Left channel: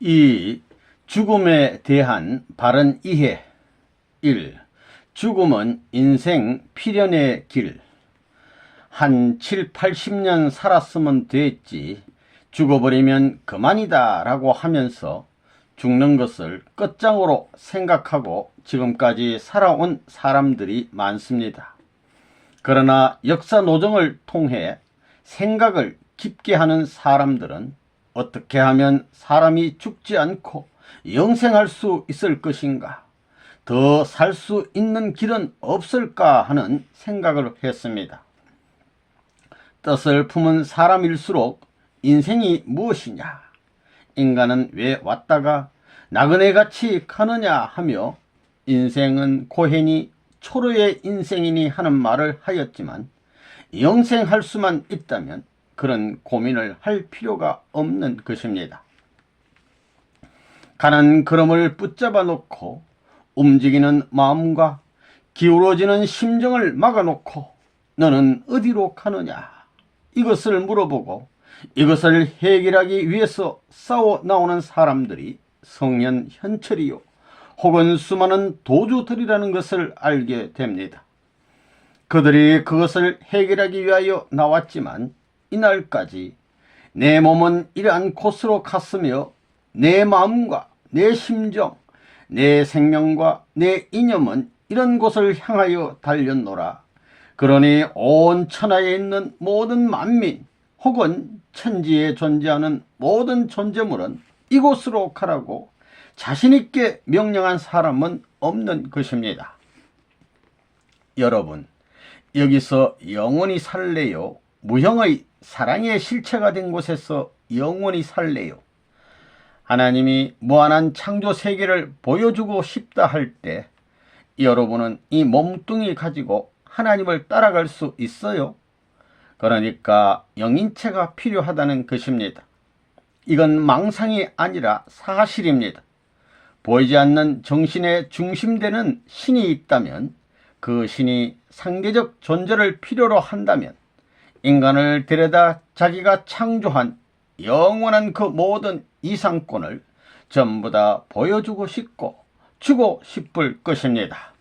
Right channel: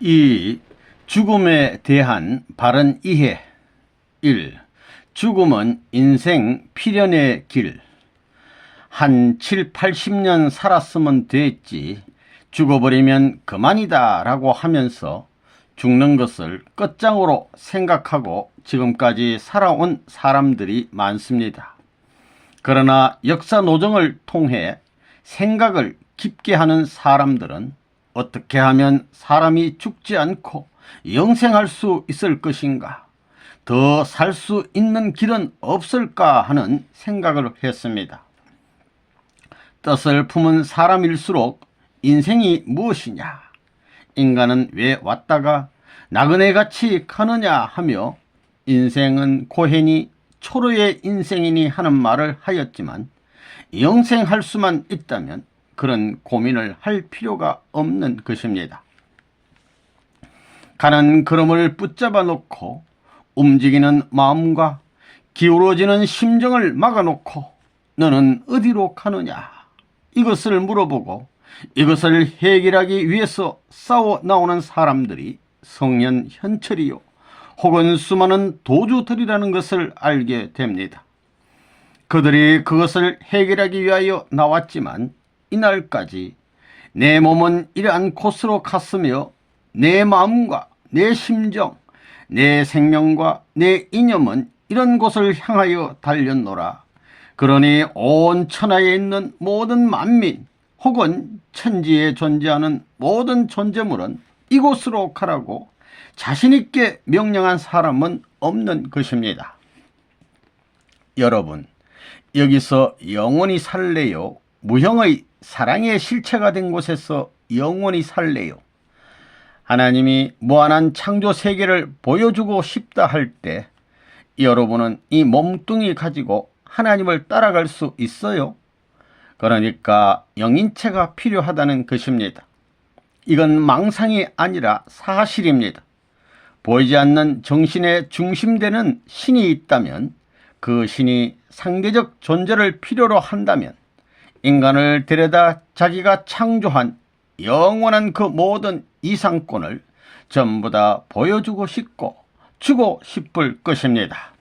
이 죽음에 대한 바른 이해. 1. 죽음은 인생 필연의 길. 한 7, 80년 살았으면 됐지, 죽어버리면 그만이다 라고 하면서 죽는 것을 끝장으로 생각하고 지금까지 살아온 사람들이 많습니다. 그러나 역사 노정을 통해 생각을 깊게 하는 사람들은 어떻게 하면 사람이 죽지 않고 영생할 수 있을 것인가, 더 살 수 있는 길은 없을까 하는 생각을 했습니다. 뜻을 품은 사람일수록 인생이 무엇이냐, 인간은 왜 왔다가 나그네같이 가느냐 하며 인생은 고해니 초로의 인생이니 하는 말을 하였지만, 영생할 수만 있다면 그런 고민을 할 필요가 없는 것입니다. 가는 걸음을 붙잡아 놓고 움직이는 마음과 기울어지는 심정을 막아놓고 너는 어디로 가느냐, 이것을 물어보고 이것을 해결하기 위해서 싸워 나오는 사람들이 성년 현철이요 혹은 수많은 도주들이라는 것을 알게 됩니다. 그들이 그것을 해결하기 위하여 나왔지만 이날까지 내 몸은 이러한 곳으로 갔으며 내 마음과 내 심정, 내 생명과 내 이념은 이런 곳을 향하여 달렸노라. 그러니 온 천하에 있는 모든 만민 혹은 천지에 존재하는 모든 존재물은 이곳으로 가라고 자신있게 명령한 사람은 없는 것입니다. 여러분, 여기서 영원히 살래요? 무형의 사랑의 실체가 된 곳에서 영원히 살래요? 하나님이 무한한 창조 세계를 보여주고 싶다 할 때 여러분은 이 몸뚱이 가지고 하나님을 따라갈 수 있어요? 그러니까 영인체가 필요하다는 것입니다. 이건 망상이 아니라 사실입니다. 보이지 않는 정신의 중심되는 신이 있다면, 그 신이 상대적 존재를 필요로 한다면 인간을 데려다 자기가 창조한 영원한 그 모든 이상권을 전부 다 보여주고 싶고 주고 싶을 것입니다.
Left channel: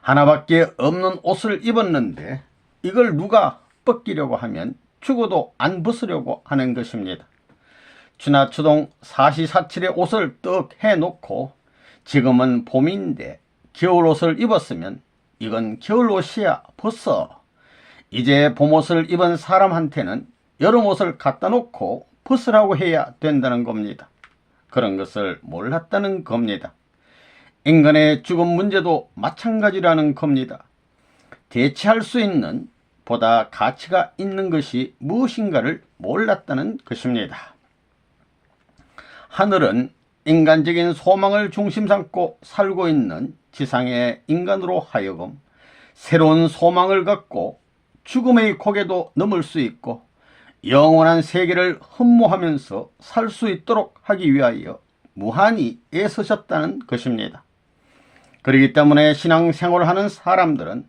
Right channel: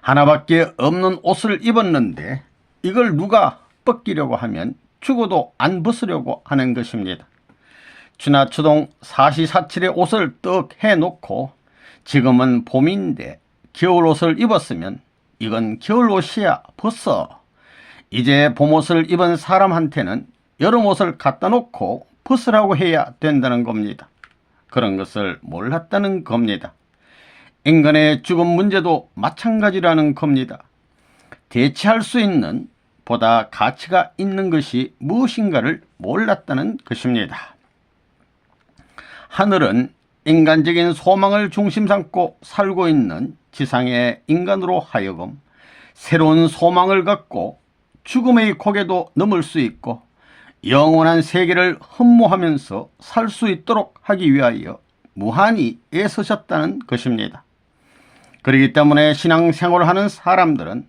하나밖에 없는 옷을 입었는데 이걸 누가 벗기려고 하면 죽어도 안 벗으려고 하는 것입니다. 추나추동 사시사철의 옷을 떡 해놓고 지금은 봄인데 겨울옷을 입었으면 이건 겨울옷이야, 벗어. 이제 봄옷을 입은 사람한테는 여름옷을 갖다 놓고 벗으라고 해야 된다는 겁니다. 그런 것을 몰랐다는 겁니다. 인간의 죽음 문제도 마찬가지라는 겁니다. 대체할 수 있는 보다 가치가 있는 것이 무엇인가를 몰랐다는 것입니다. 하늘은 인간적인 소망을 중심 삼고 살고 있는 지상의 인간으로 하여금 새로운 소망을 갖고 죽음의 고개도 넘을 수 있고 영원한 세계를 흠모하면서 살 수 있도록 하기 위하여 무한히 애쓰셨다는 것입니다. 그렇기 때문에 신앙생활을 하는 사람들은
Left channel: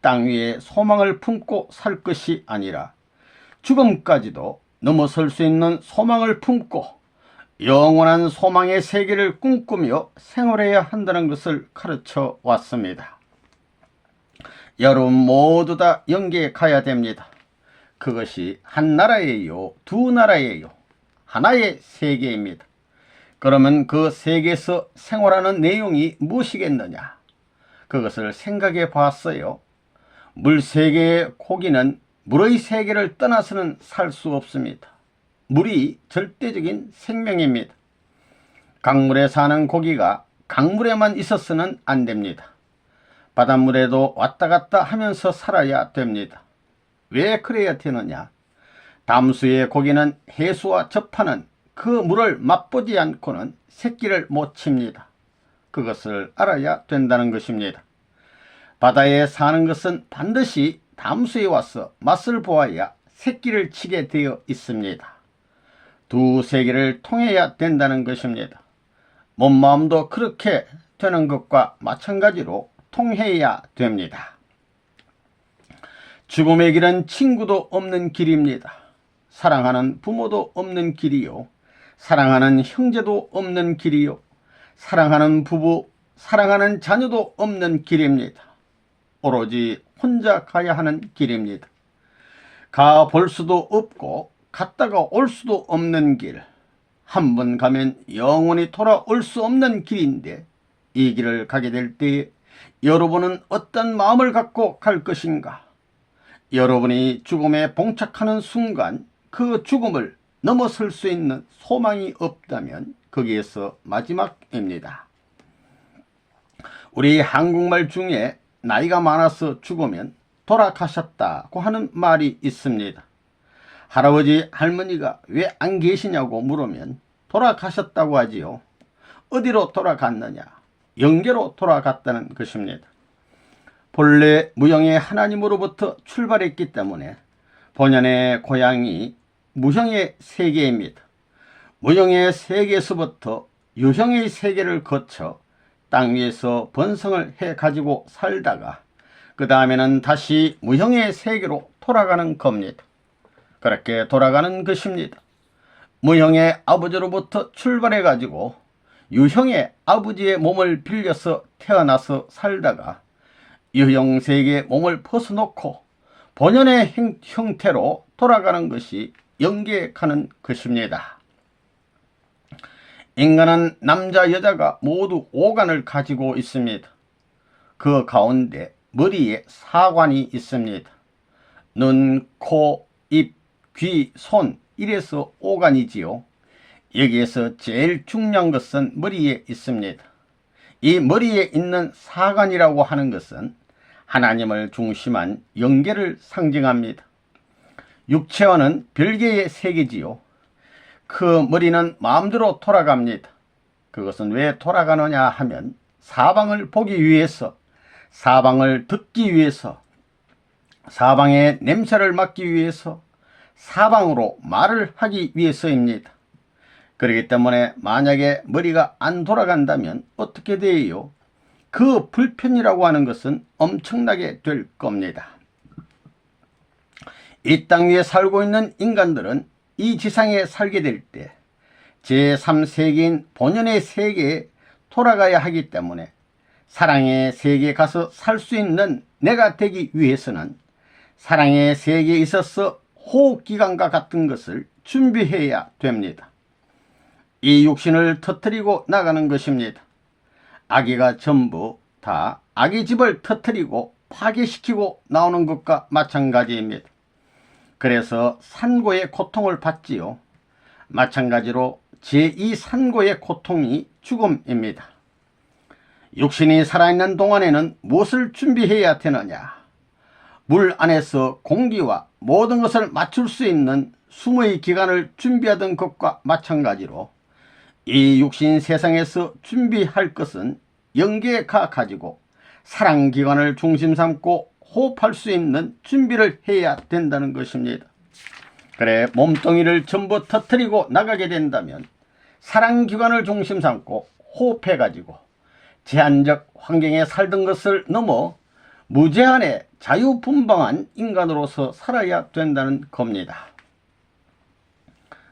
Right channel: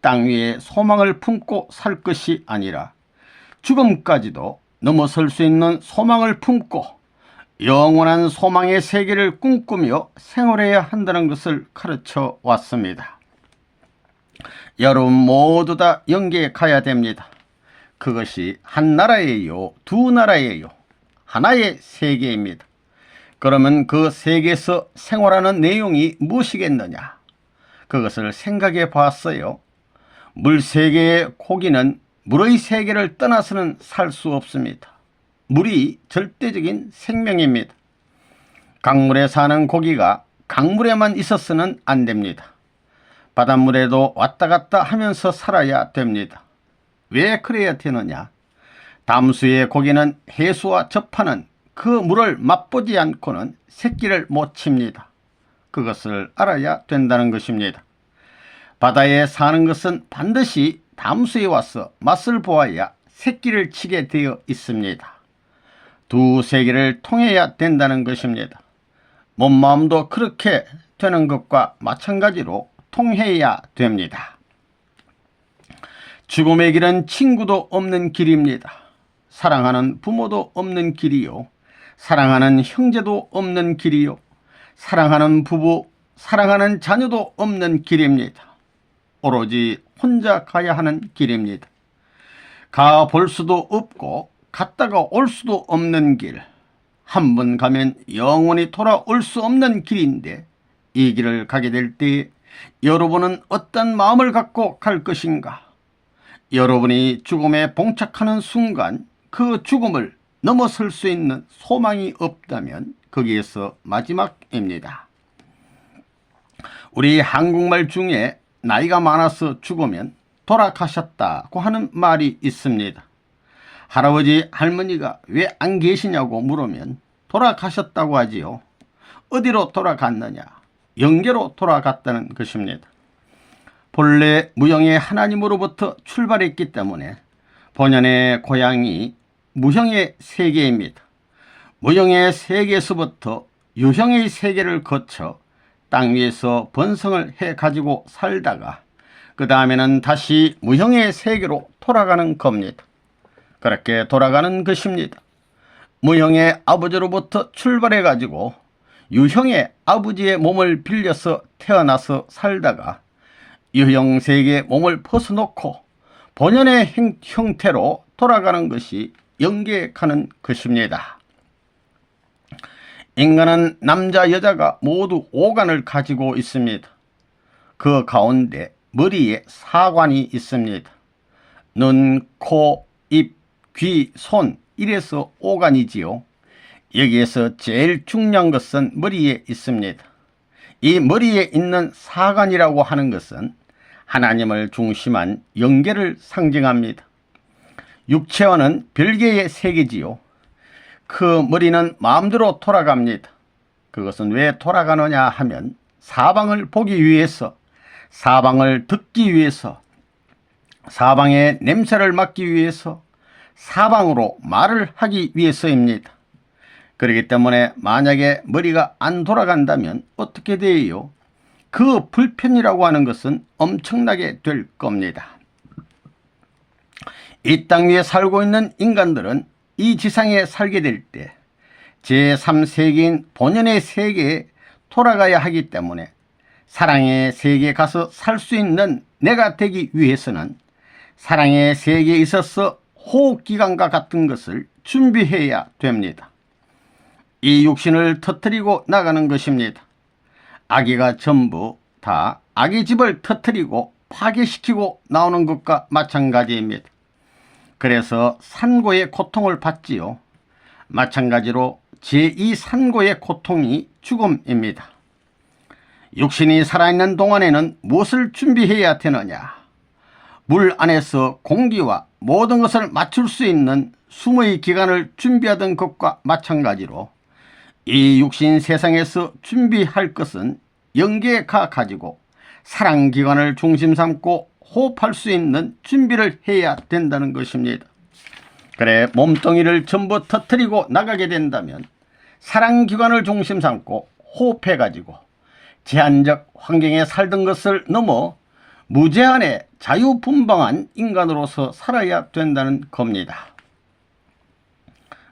땅 위에 소망을 품고 살 것이 아니라 죽음까지도 넘어설 수 있는 소망을 품고 영원한 소망의 세계를 꿈꾸며 생활해야 한다는 것을 가르쳐 왔습니다. 여러분 모두 다 영계에 가야 됩니다. 그것이 한 나라예요, 두 나라예요, 하나의 세계입니다. 그러면 그 세계에서 생활하는 내용이 무엇이겠느냐? 그것을 생각해 봤어요. 물세계의 고기는 물의 세계를 떠나서는 살 수 없습니다. 물이 절대적인 생명입니다. 강물에 사는 고기가 강물에만 있어서는 안 됩니다. 바닷물에도 왔다 갔다 하면서 살아야 됩니다. 왜 그래야 되느냐? 담수의 고기는 해수와 접하는 그 물을 맛보지 않고는 새끼를 못 칩니다. 그것을 알아야 된다는 것입니다. 바다에 사는 것은 반드시 담수에 와서 맛을 보아야 새끼를 치게 되어 있습니다. 두 세계를 통해야 된다는 것입니다. 몸 마음도 그렇게 되는 것과 마찬가지로 통해야 됩니다. 죽음의 길은 친구도 없는 길입니다. 사랑하는 부모도 없는 길이요, 사랑하는 형제도 없는 길이요, 사랑하는 부부, 사랑하는 자녀도 없는 길입니다. 오로지 혼자 가야 하는 길입니다. 가 볼 수도 없고 갔다가 올 수도 없는 길, 한 번 가면 영원히 돌아올 수 없는 길인데, 이 길을 가게 될 때 여러분은 어떤 마음을 갖고 갈 것인가? 여러분이 죽음에 봉착하는 순간 그 죽음을 넘어설 수 있는 소망이 없다면 거기에서 마지막입니다. 우리 한국말 중에 나이가 많아서 죽으면 돌아가셨다고 하는 말이 있습니다. 할아버지 할머니가 왜 안 계시냐고 물으면 돌아가셨다고 하지요. 어디로 돌아갔느냐? 영계로 돌아갔다는 것입니다. 본래 무형의 하나님으로부터 출발했기 때문에 본연의 고향이 무형의 세계입니다. 무형의 세계에서부터 유형의 세계를 거쳐 땅 위에서 번성을 해 가지고 살다가 그 다음에는 다시 무형의 세계로 돌아가는 겁니다. 그렇게 돌아가는 것입니다. 무형의 아버지로부터 출발해 가지고 유형의 아버지의 몸을 빌려서 태어나서 살다가 유형 세계의 몸을 벗어놓고 본연의 형태로 돌아가는 것이 영계에 가는 것입니다. 인간은 남자 여자가 모두 오간을 가지고 있습니다. 그 가운데 머리에 사관이 있습니다. 눈, 코, 입, 귀, 손, 이래서 오간이지요. 여기에서 제일 중요한 것은 머리에 있습니다. 이 머리에 있는 사관이라고 하는 것은 하나님을 중심한 영계를 상징합니다. 육체와는 별개의 세계지요. 그 머리는 마음대로 돌아갑니다. 그것은 왜 돌아가느냐 하면 사방을 보기 위해서, 사방을 듣기 위해서, 사방의 냄새를 맡기 위해서, 사방으로 말을 하기 위해서입니다. 그렇기 때문에 만약에 머리가 안 돌아간다면 어떻게 돼요? 그 불편이라고 하는 것은 엄청나게 될 겁니다. 이 땅 위에 살고 있는 인간들은 이 지상에 살게 될 때 제3세계인 본연의 세계에 돌아가야 하기 때문에 사랑의 세계에 가서 살 수 있는 내가 되기 위해서는 사랑의 세계에 있어서 호흡기관과 같은 것을 준비해야 됩니다. 이 육신을 터뜨리고 나가는 것입니다. 아기가 전부 다 아기 집을 터뜨리고 파괴시키고 나오는 것과 마찬가지입니다. 그래서 산고의 고통을 받지요. 마찬가지로 제2산고의 고통이 죽음입니다. 육신이 살아있는 동안에는 무엇을 준비해야 되느냐? 물 안에서 공기와 모든 것을 맞출 수 있는 숨의 기관을 준비하던 것과 마찬가지로 이 육신 세상에서 준비할 것은 영계에 가지고 사랑기관을 중심 삼고 호흡할 수 있는 준비를 해야 된다는 것입니다. 그래 몸뚱이를 전부 터뜨리고 나가게 된다면 사랑기관을 중심 삼고 호흡해 가지고 제한적 환경에 살던 것을 넘어 무제한의 자유분방한 인간으로서 살아야 된다는 겁니다.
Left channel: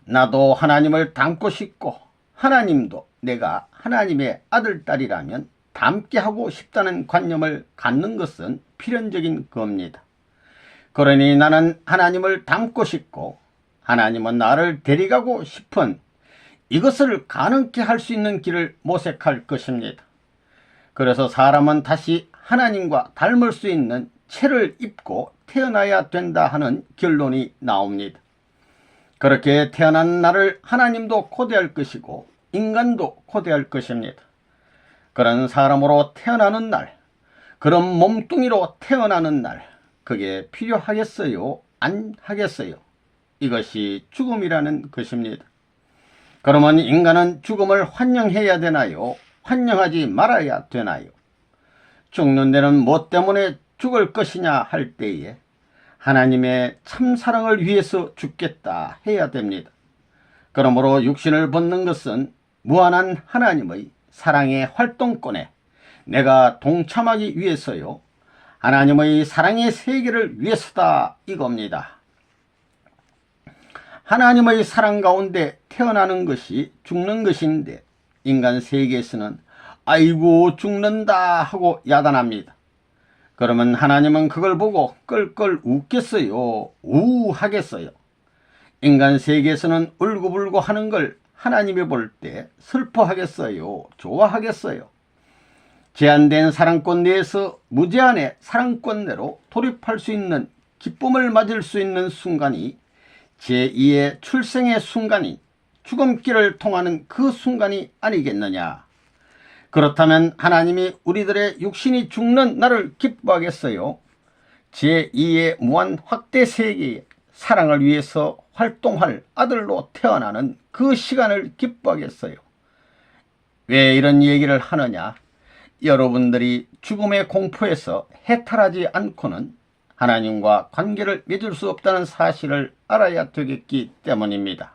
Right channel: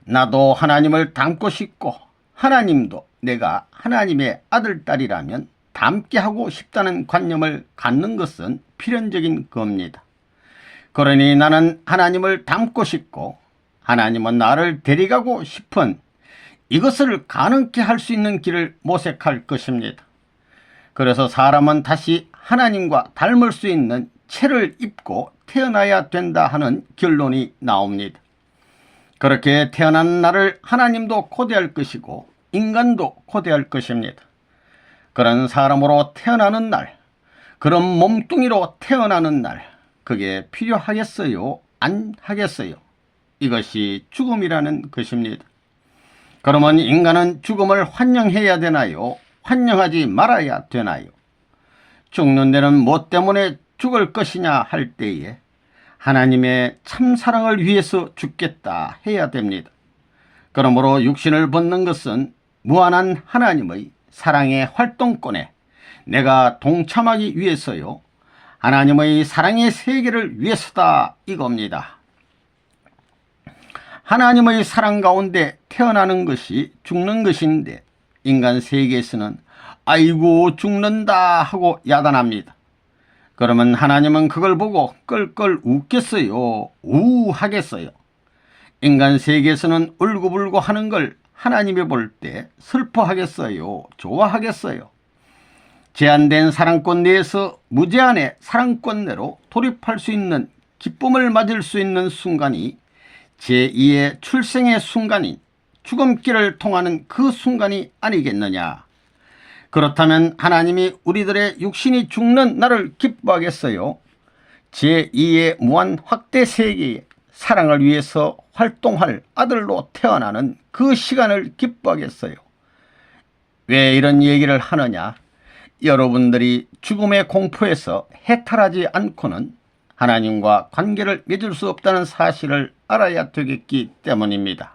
나도 하나님을 닮고 싶고 하나님도 내가 하나님의 아들, 딸이라면 닮게 하고 싶다는 관념을 갖는 것은 필연적인 겁니다. 그러니 나는 하나님을 닮고 싶고 하나님은 나를 데려가고 싶은 이것을 가능케 할 수 있는 길을 모색할 것입니다. 그래서 사람은 다시 하나님과 닮을 수 있는 체를 입고 태어나야 된다 하는 결론이 나옵니다. 그렇게 태어난 나를 하나님도 고대할 것이고 인간도 고대할 것입니다. 그런 사람으로 태어나는 날, 그런 몸뚱이로 태어나는 날, 그게 필요하겠어요? 안 하겠어요? 이것이 죽음이라는 것입니다. 그러면 인간은 죽음을 환영해야 되나요? 환영하지 말아야 되나요? 죽는 데는 뭐 때문에 죽을 것이냐 할 때에 하나님의 참사랑을 위해서 죽겠다 해야 됩니다. 그러므로 육신을 벗는 것은 무한한 하나님의 사랑의 활동권에 내가 동참하기 위해서요, 하나님의 사랑의 세계를 위해서다 이겁니다. 하나님의 사랑 가운데 태어나는 것이 죽는 것인데 인간 세계에서는 아이고 죽는다 하고 야단합니다. 그러면 하나님은 그걸 보고 껄껄 웃겠어요? 우하겠어요? 인간 세계에서는 울고불고 하는 걸 하나님이 볼 때 슬퍼하겠어요? 좋아하겠어요? 제한된 사랑권 내에서 무제한의 사랑권 내로 돌입할 수 있는 기쁨을 맞을 수 있는 순간이 제2의 출생의 순간인 죽음길을 통하는 그 순간이 아니겠느냐. 그렇다면 하나님이 우리들의 육신이 죽는 날을 기뻐하겠어요? 제2의 무한 확대 세계에 사랑을 위해서 활동할 아들로 태어나는 그 시간을 기뻐하겠어요? 왜 이런 얘기를 하느냐? 여러분들이 죽음의 공포에서 해탈하지 않고는 하나님과 관계를 맺을 수 없다는 사실을 알아야 되겠기 때문입니다.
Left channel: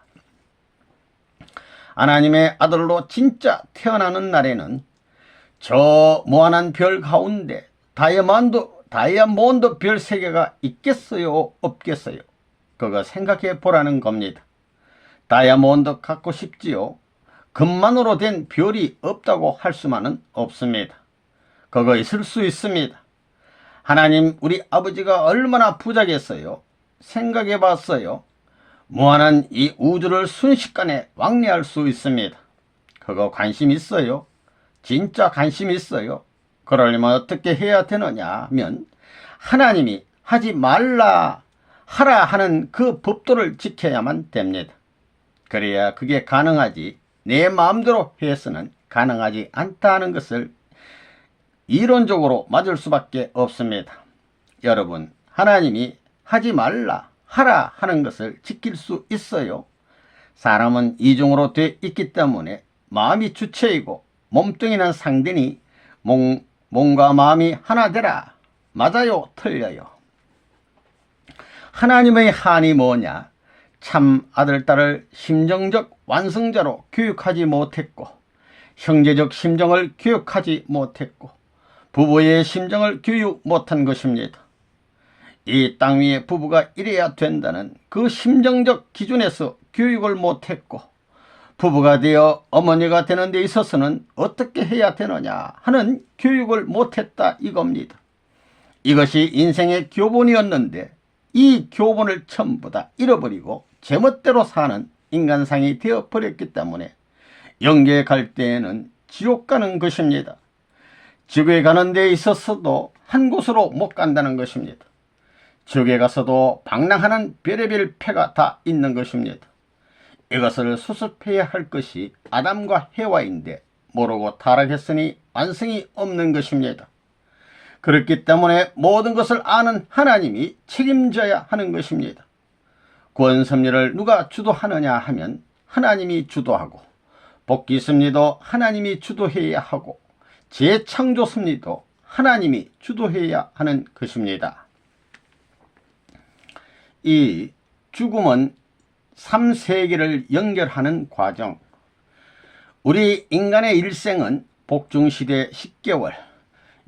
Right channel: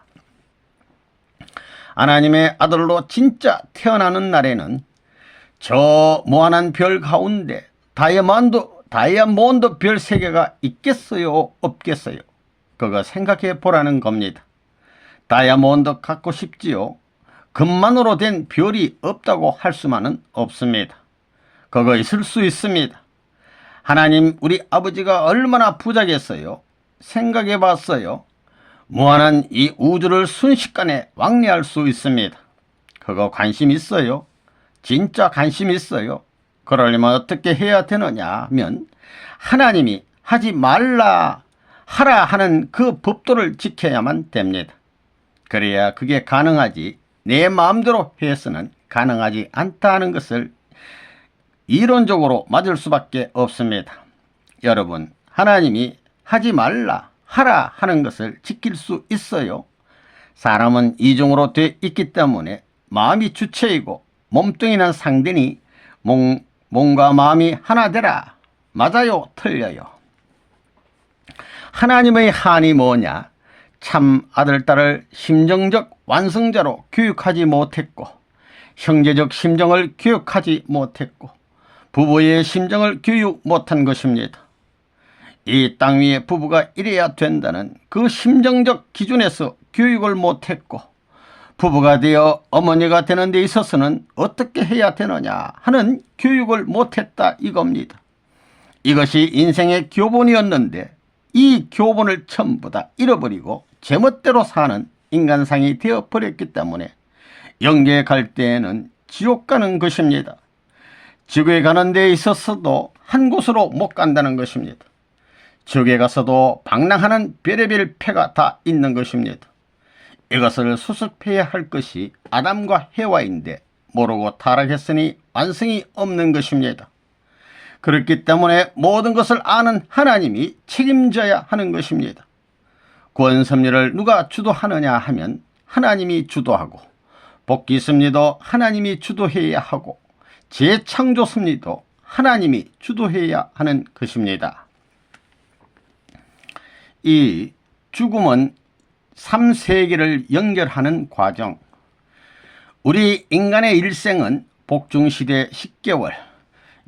하나님의 아들로 진짜 태어나는 날에는 저 무한한 별 가운데 다이아몬드 별 3개가 있겠어요? 없겠어요? 그거 생각해 보라는 겁니다. 다이아몬드 갖고 싶지요? 금만으로 된 별이 없다고 할 수만은 없습니다. 그거 있을 수 있습니다. 하나님 우리 아버지가 얼마나 부자겠어요? 생각해 봤어요? 무한한 이 우주를 순식간에 왕래할 수 있습니다. 그거 관심 있어요? 진짜 관심 있어요? 그러려면 어떻게 해야 되느냐 하면 하나님이 하지 말라 하라 하는 그 법도를 지켜야만 됩니다. 그래야 그게 가능하지 내 마음대로 해서는 가능하지 않다는 것을 이론적으로 맞을 수밖에 없습니다. 여러분, 하나님이 하지 말라 하라 하는 것을 지킬 수 있어요? 사람은 이중으로 돼 있기 때문에 마음이 주체이고 몸뚱이는 상대니 몸과 마음이 하나 되라. 맞아요? 틀려요? 하나님의 한이 뭐냐? 참 아들, 딸을 심정적 완성자로 교육하지 못했고 형제적 심정을 교육하지 못했고 부부의 심정을 교육 못한 것입니다. 이 땅 위에 부부가 이래야 된다는 그 심정적 기준에서 교육을 못했고 부부가 되어 어머니가 되는 데 있어서는 어떻게 해야 되느냐 하는 교육을 못했다 이겁니다. 이것이 인생의 교본이었는데 이 교본을 전부 다 잃어버리고 제멋대로 사는 인간상이 되어버렸기 때문에 영계에 갈 때에는 지옥 가는 것입니다. 지옥에 가는 데 있어서도 한 곳으로 못 간다는 것입니다. 지옥에 가서도 방랑하는 별의별 패가 다 있는 것입니다. 이것을 수습해야 할 것이 아담과 해와인데 모르고 타락했으니 완성이 없는 것입니다. 그렇기 때문에 모든 것을 아는 하나님이 책임져야 하는 것입니다. 구원 섭리를 누가 주도하느냐 하면 하나님이 주도하고 복귀 섭리도 하나님이 주도해야 하고 재창조 섭리도 하나님이 주도해야 하는 것입니다. 이 죽음은 3세계를 연결하는 과정. 우리 인간의 일생은 복중시대 10개월,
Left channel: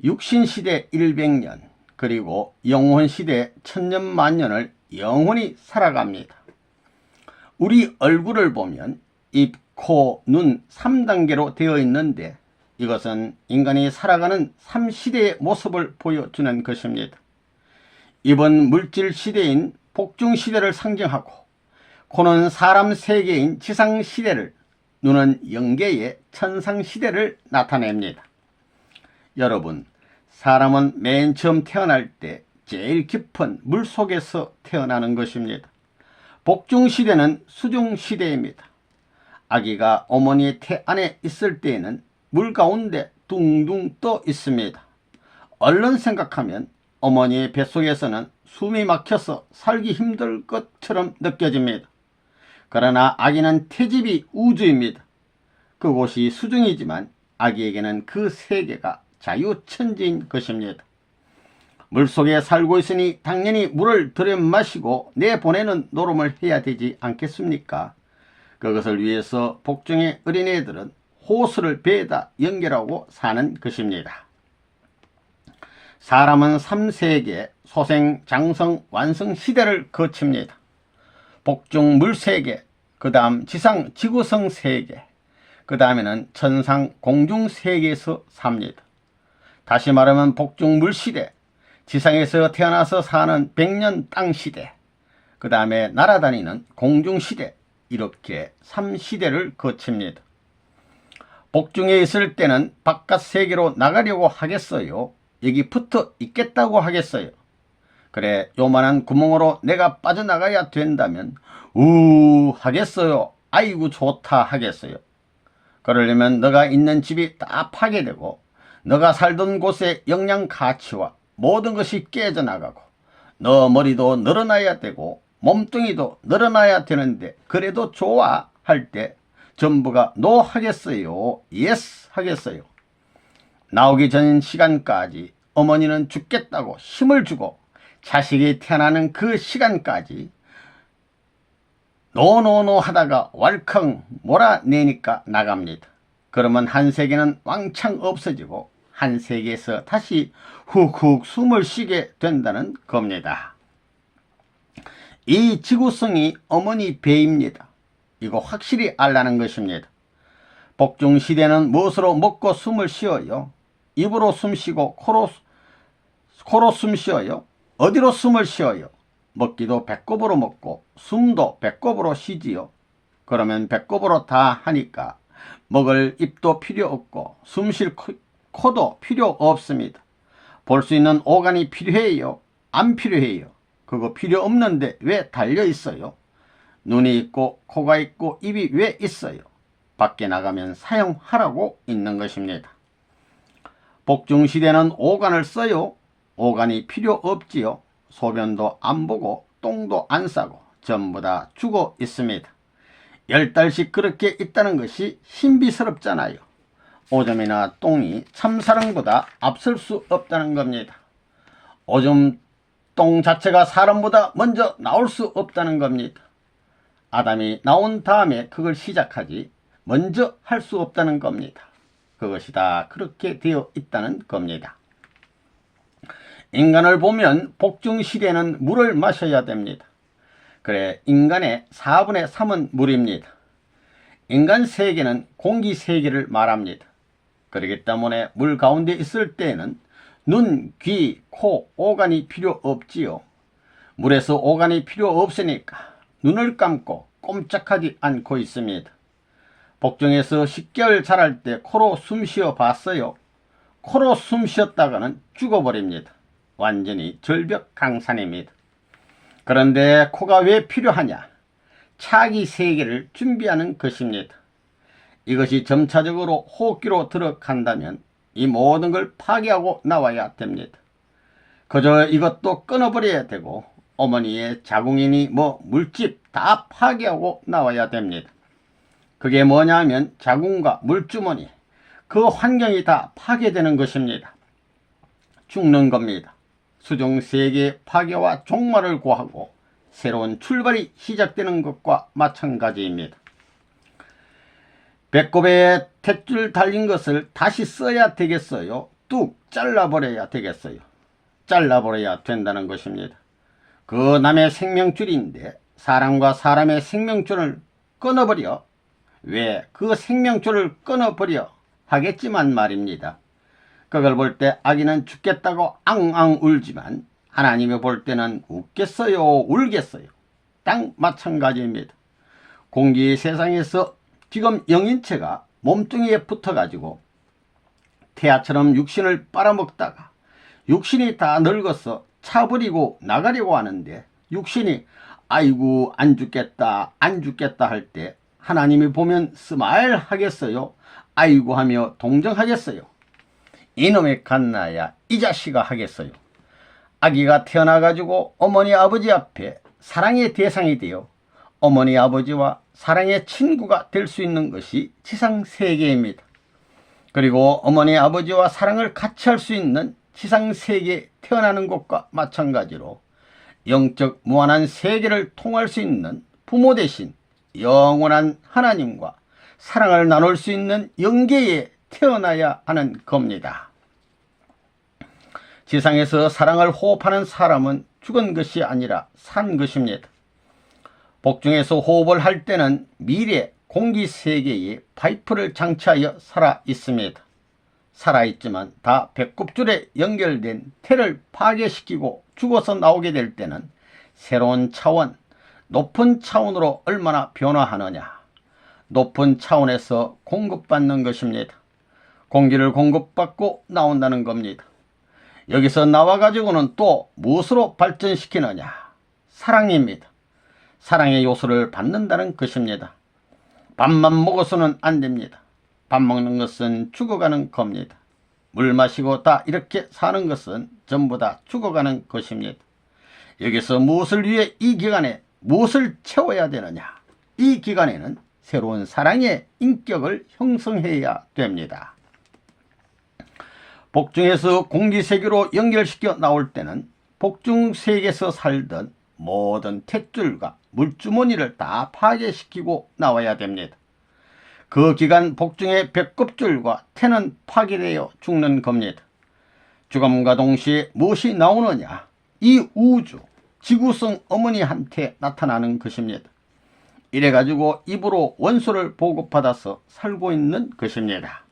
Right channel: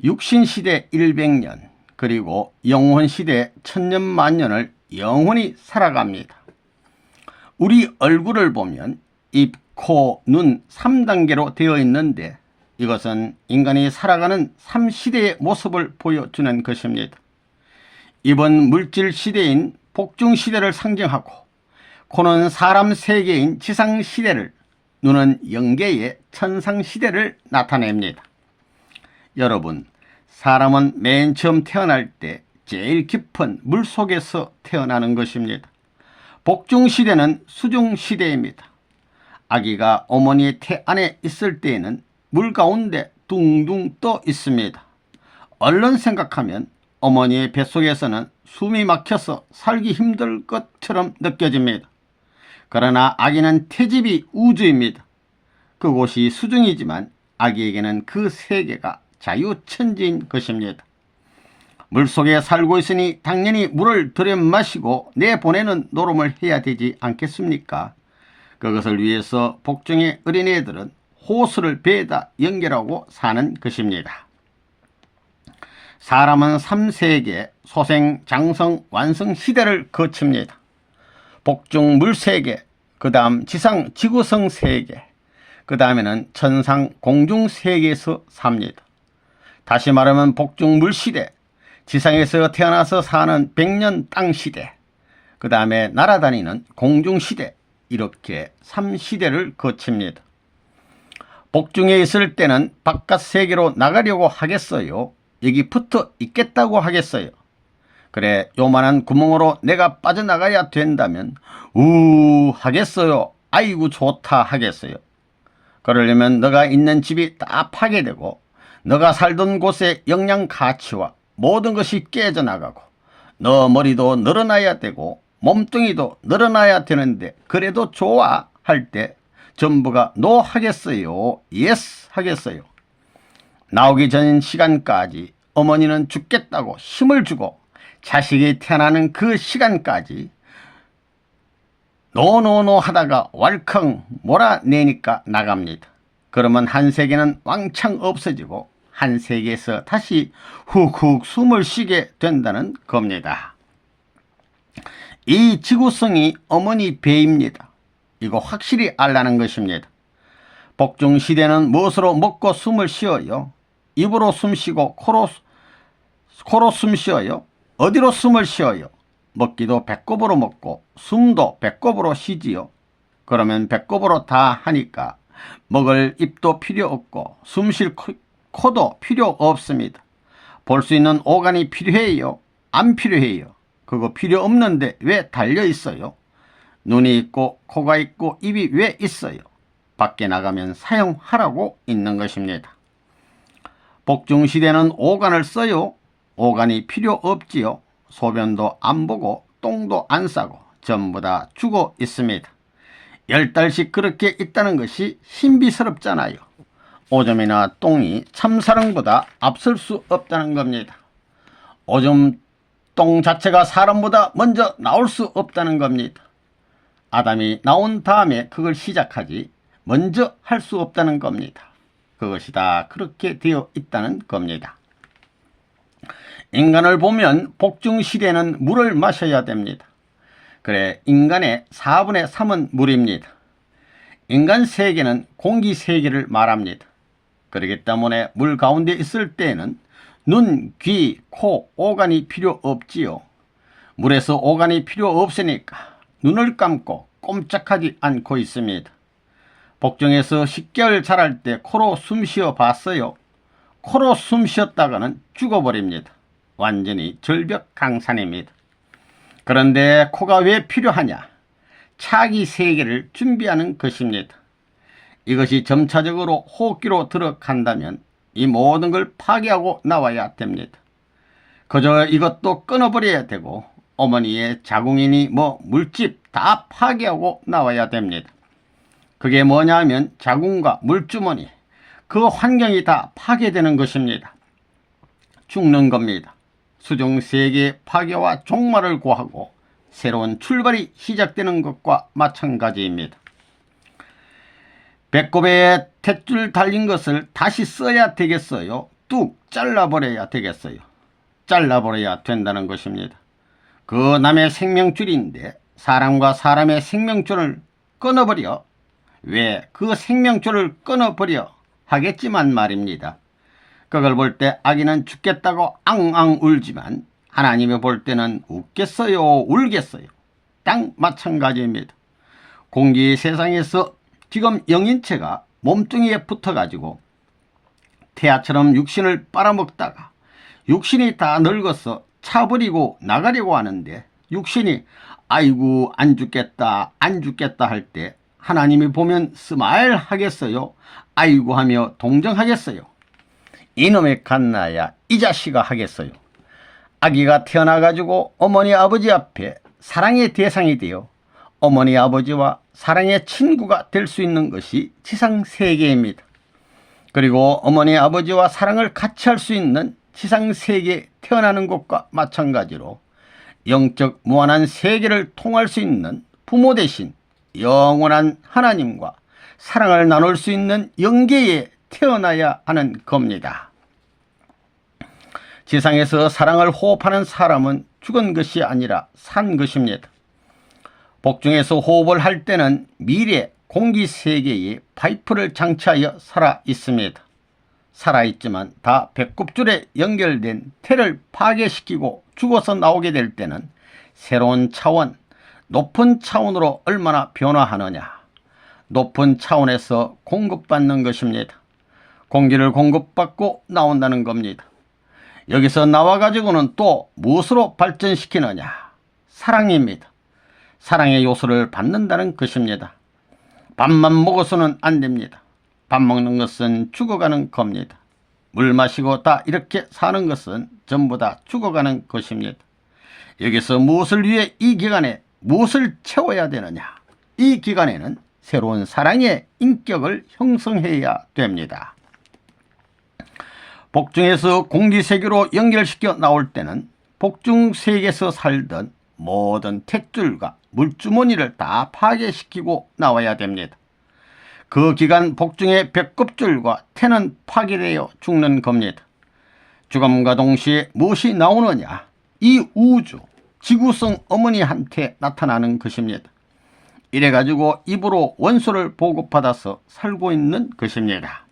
육신시대 100년, 그리고 영혼시대 1000년만년을 영원히 살아갑니다. 우리 얼굴을 보면 입, 코, 눈 3단계로 되어 있는데 이것은 인간이 살아가는 3시대의 모습을 보여주는 것입니다. 입은 물질시대인 복중시대를 상징하고 코는 사람 세계인 지상시대를, 눈은 영계의 천상시대를 나타냅니다. 여러분, 사람은 맨 처음 태어날 때 제일 깊은 물속에서 태어나는 것입니다. 복중시대는 수중시대입니다. 아기가 어머니의 태 안에 있을 때에는 물 가운데 둥둥 떠 있습니다. 얼른 생각하면 어머니의 뱃속에서는 숨이 막혀서 살기 힘들 것처럼 느껴집니다. 그러나 아기는 태집이 우주입니다. 그곳이 수중이지만 아기에게는 그 세계가 자유천지인 것입니다. 물속에 살고 있으니 당연히 물을 들여 마시고 내보내는 노름을 해야 되지 않겠습니까? 그것을 위해서 복중의 어린애들은 호수를 배에다 연결하고 사는 것입니다. 사람은 3세계 소생, 장성, 완성 시대를 거칩니다. 복중 물 세계, 그 다음 지상 지구성 세계, 그 다음에는 천상 공중 세계에서 삽니다. 다시 말하면 복중 물 시대, 지상에서 태어나서 사는 백년 땅 시대, 그 다음에 날아다니는 공중 시대, 이렇게 3시대를 거칩니다. 복중에 있을 때는 바깥 세계로 나가려고 하겠어요? 여기 붙어 있겠다고 하겠어요? 그래, 요만한 구멍으로 내가 빠져나가야 된다면 하겠어요? 아이고 좋다 하겠어요? 그러려면 너가 있는 집이 다 파괴되고 너가 살던 곳의 영양 가치와 모든 것이 깨져나가고 너 머리도 늘어나야 되고 몸뚱이도 늘어나야 되는데 그래도 좋아 할 때 전부가 노 하겠어요? 예스 하겠어요? 나오기 전 시간까지 어머니는 죽겠다고 힘을 주고 자식이 태어나는 그 시간까지 노노노 하다가 왈컹 몰아내니까 나갑니다. 그러면 한 세계는 왕창 없어지고 한 세계에서 다시 훅훅 숨을 쉬게 된다는 겁니다. 이 지구성이 어머니 배입니다. 이거 확실히 알라는 것입니다. 복중 시대는 무엇으로 먹고 숨을 쉬어요? 입으로 숨 쉬고 코로 숨 쉬어요? 어디로 숨을 쉬어요? 먹기도 배꼽으로 먹고 숨도 배꼽으로 쉬지요. 그러면 배꼽으로 다 하니까 먹을 입도 필요 없고 숨 쉴 코도 필요 없습니다. 볼 수 있는 오간이 필요해요? 안 필요해요? 그거 필요 없는데 왜 달려 있어요? 눈이 있고 코가 있고 입이 왜 있어요? 밖에 나가면 사용하라고 있는 것입니다. 복중시대는 오간을 써요? 오간이 필요 없지요. 소변도 안 보고 똥도 안 싸고 전부 다 죽어 있습니다. 10달씩 그렇게 있다는 것이 신비스럽잖아요. 오줌이나 똥이 참사랑보다 앞설 수 없다는 겁니다. 오줌 똥 자체가 사람보다 먼저 나올 수 없다는 겁니다. 아담이 나온 다음에 그걸 시작하지 먼저 할 수 없다는 겁니다. 그것이 다 그렇게 되어 있다는 겁니다. 인간을 보면 복중시대는 물을 마셔야 됩니다. 그래, 인간의 4분의 3은 물입니다. 인간 세계는 공기 세계를 말합니다. 그렇기 때문에 물 가운데 있을 때에는 눈, 귀, 코, 오간이 필요 없지요. 물에서 오간이 필요 없으니까 눈을 감고 꼼짝하지 않고 있습니다. 복중에서 10개월 자랄 때 코로 숨 쉬어 봤어요? 코로 숨 쉬었다가는 죽어버립니다. 완전히 절벽강산입니다. 그런데 코가 왜 필요하냐? 차기 세계를 준비하는 것입니다. 이것이 점차적으로 호흡기로 들어간다면 이 모든 걸 파괴하고 나와야 됩니다. 그저 이것도 끊어버려야 되고 어머니의 자궁이니 물집 다 파괴하고 나와야 됩니다. 그게 뭐냐 하면 자궁과 물주머니, 그 환경이 다 파괴되는 것입니다. 죽는 겁니다. 수중세계 파괴와 종말을 고하고 새로운 출발이 시작되는 것과 마찬가지입니다. 배꼽에 탯줄 달린 것을 다시 써야 되겠어요? 뚝 잘라버려야 되겠어요? 잘라버려야 된다는 것입니다. 그 남의 생명줄인데 사람과 사람의 생명줄을 끊어버려. 왜 그 생명줄을 끊어버려 하겠지만 말입니다. 그걸 볼 때 아기는 죽겠다고 앙앙 울지만 하나님이 볼 때는 웃겠어요? 울겠어요? 딱 마찬가지입니다. 공기 세상에서 지금 영인체가 몸뚱이에 붙어가지고 태아처럼 육신을 빨아먹다가 육신이 다 늙어서 차버리고 나가려고 하는데 육신이 아이고 안 죽겠다 안 죽겠다 할 때 하나님이 보면 스마일 하겠어요? 아이고 하며 동정하겠어요? 이놈의 갓나야 이 자식아 하겠어요? 아기가 태어나가지고 어머니 아버지 앞에 사랑의 대상이 되어 어머니 아버지와 사랑의 친구가 될 수 있는 것이 지상세계입니다. 그리고 어머니 아버지와 사랑을 같이 할 수 있는 지상세계에 태어나는 것과 마찬가지로 영적 무한한 세계를 통할 수 있는 부모 대신 영원한 하나님과 사랑을 나눌 수 있는 영계에 태어나야 하는 겁니다. 지상에서 사랑을 호흡하는 사람은 죽은 것이 아니라 산 것입니다. 복중에서 호흡을 할 때는 미래 공기 세계에 파이프를 장치하여 살아 있습니다. 살아있지만 다 배꼽줄에 연결된 태를 파괴시키고 죽어서 나오게 될 때는 새로운 차원, 높은 차원으로 얼마나 변화하느냐. 높은 차원에서 공급받는 것입니다. 공기를 공급받고 나온다는 겁니다. 여기서 나와가지고는 또 무엇으로 발전시키느냐. 사랑입니다. 사랑의 요소를 받는다는 것입니다. 밥만 먹어서는 안 됩니다. 밥 먹는 것은 죽어가는 겁니다. 물 마시고 다 이렇게 사는 것은 전부 다 죽어가는 것입니다. 여기서 무엇을 위해 이 기간에 무엇을 채워야 되느냐. 이 기간에는 새로운 사랑의 인격을 형성해야 됩니다. 복중에서 공기세계로 연결시켜 나올 때는 복중세계에서 살던 모든 탯줄과 물주머니를 다 파괴시키고 나와야 됩니다. 그 기간 복중의 배꼽줄과 태는 파괴되어 죽는 겁니다. 죽음과 동시에 무엇이 나오느냐? 이 우주, 지구성 어머니한테 나타나는 것입니다. 이래가지고 입으로 원소를 보급받아서 살고 있는 것입니다.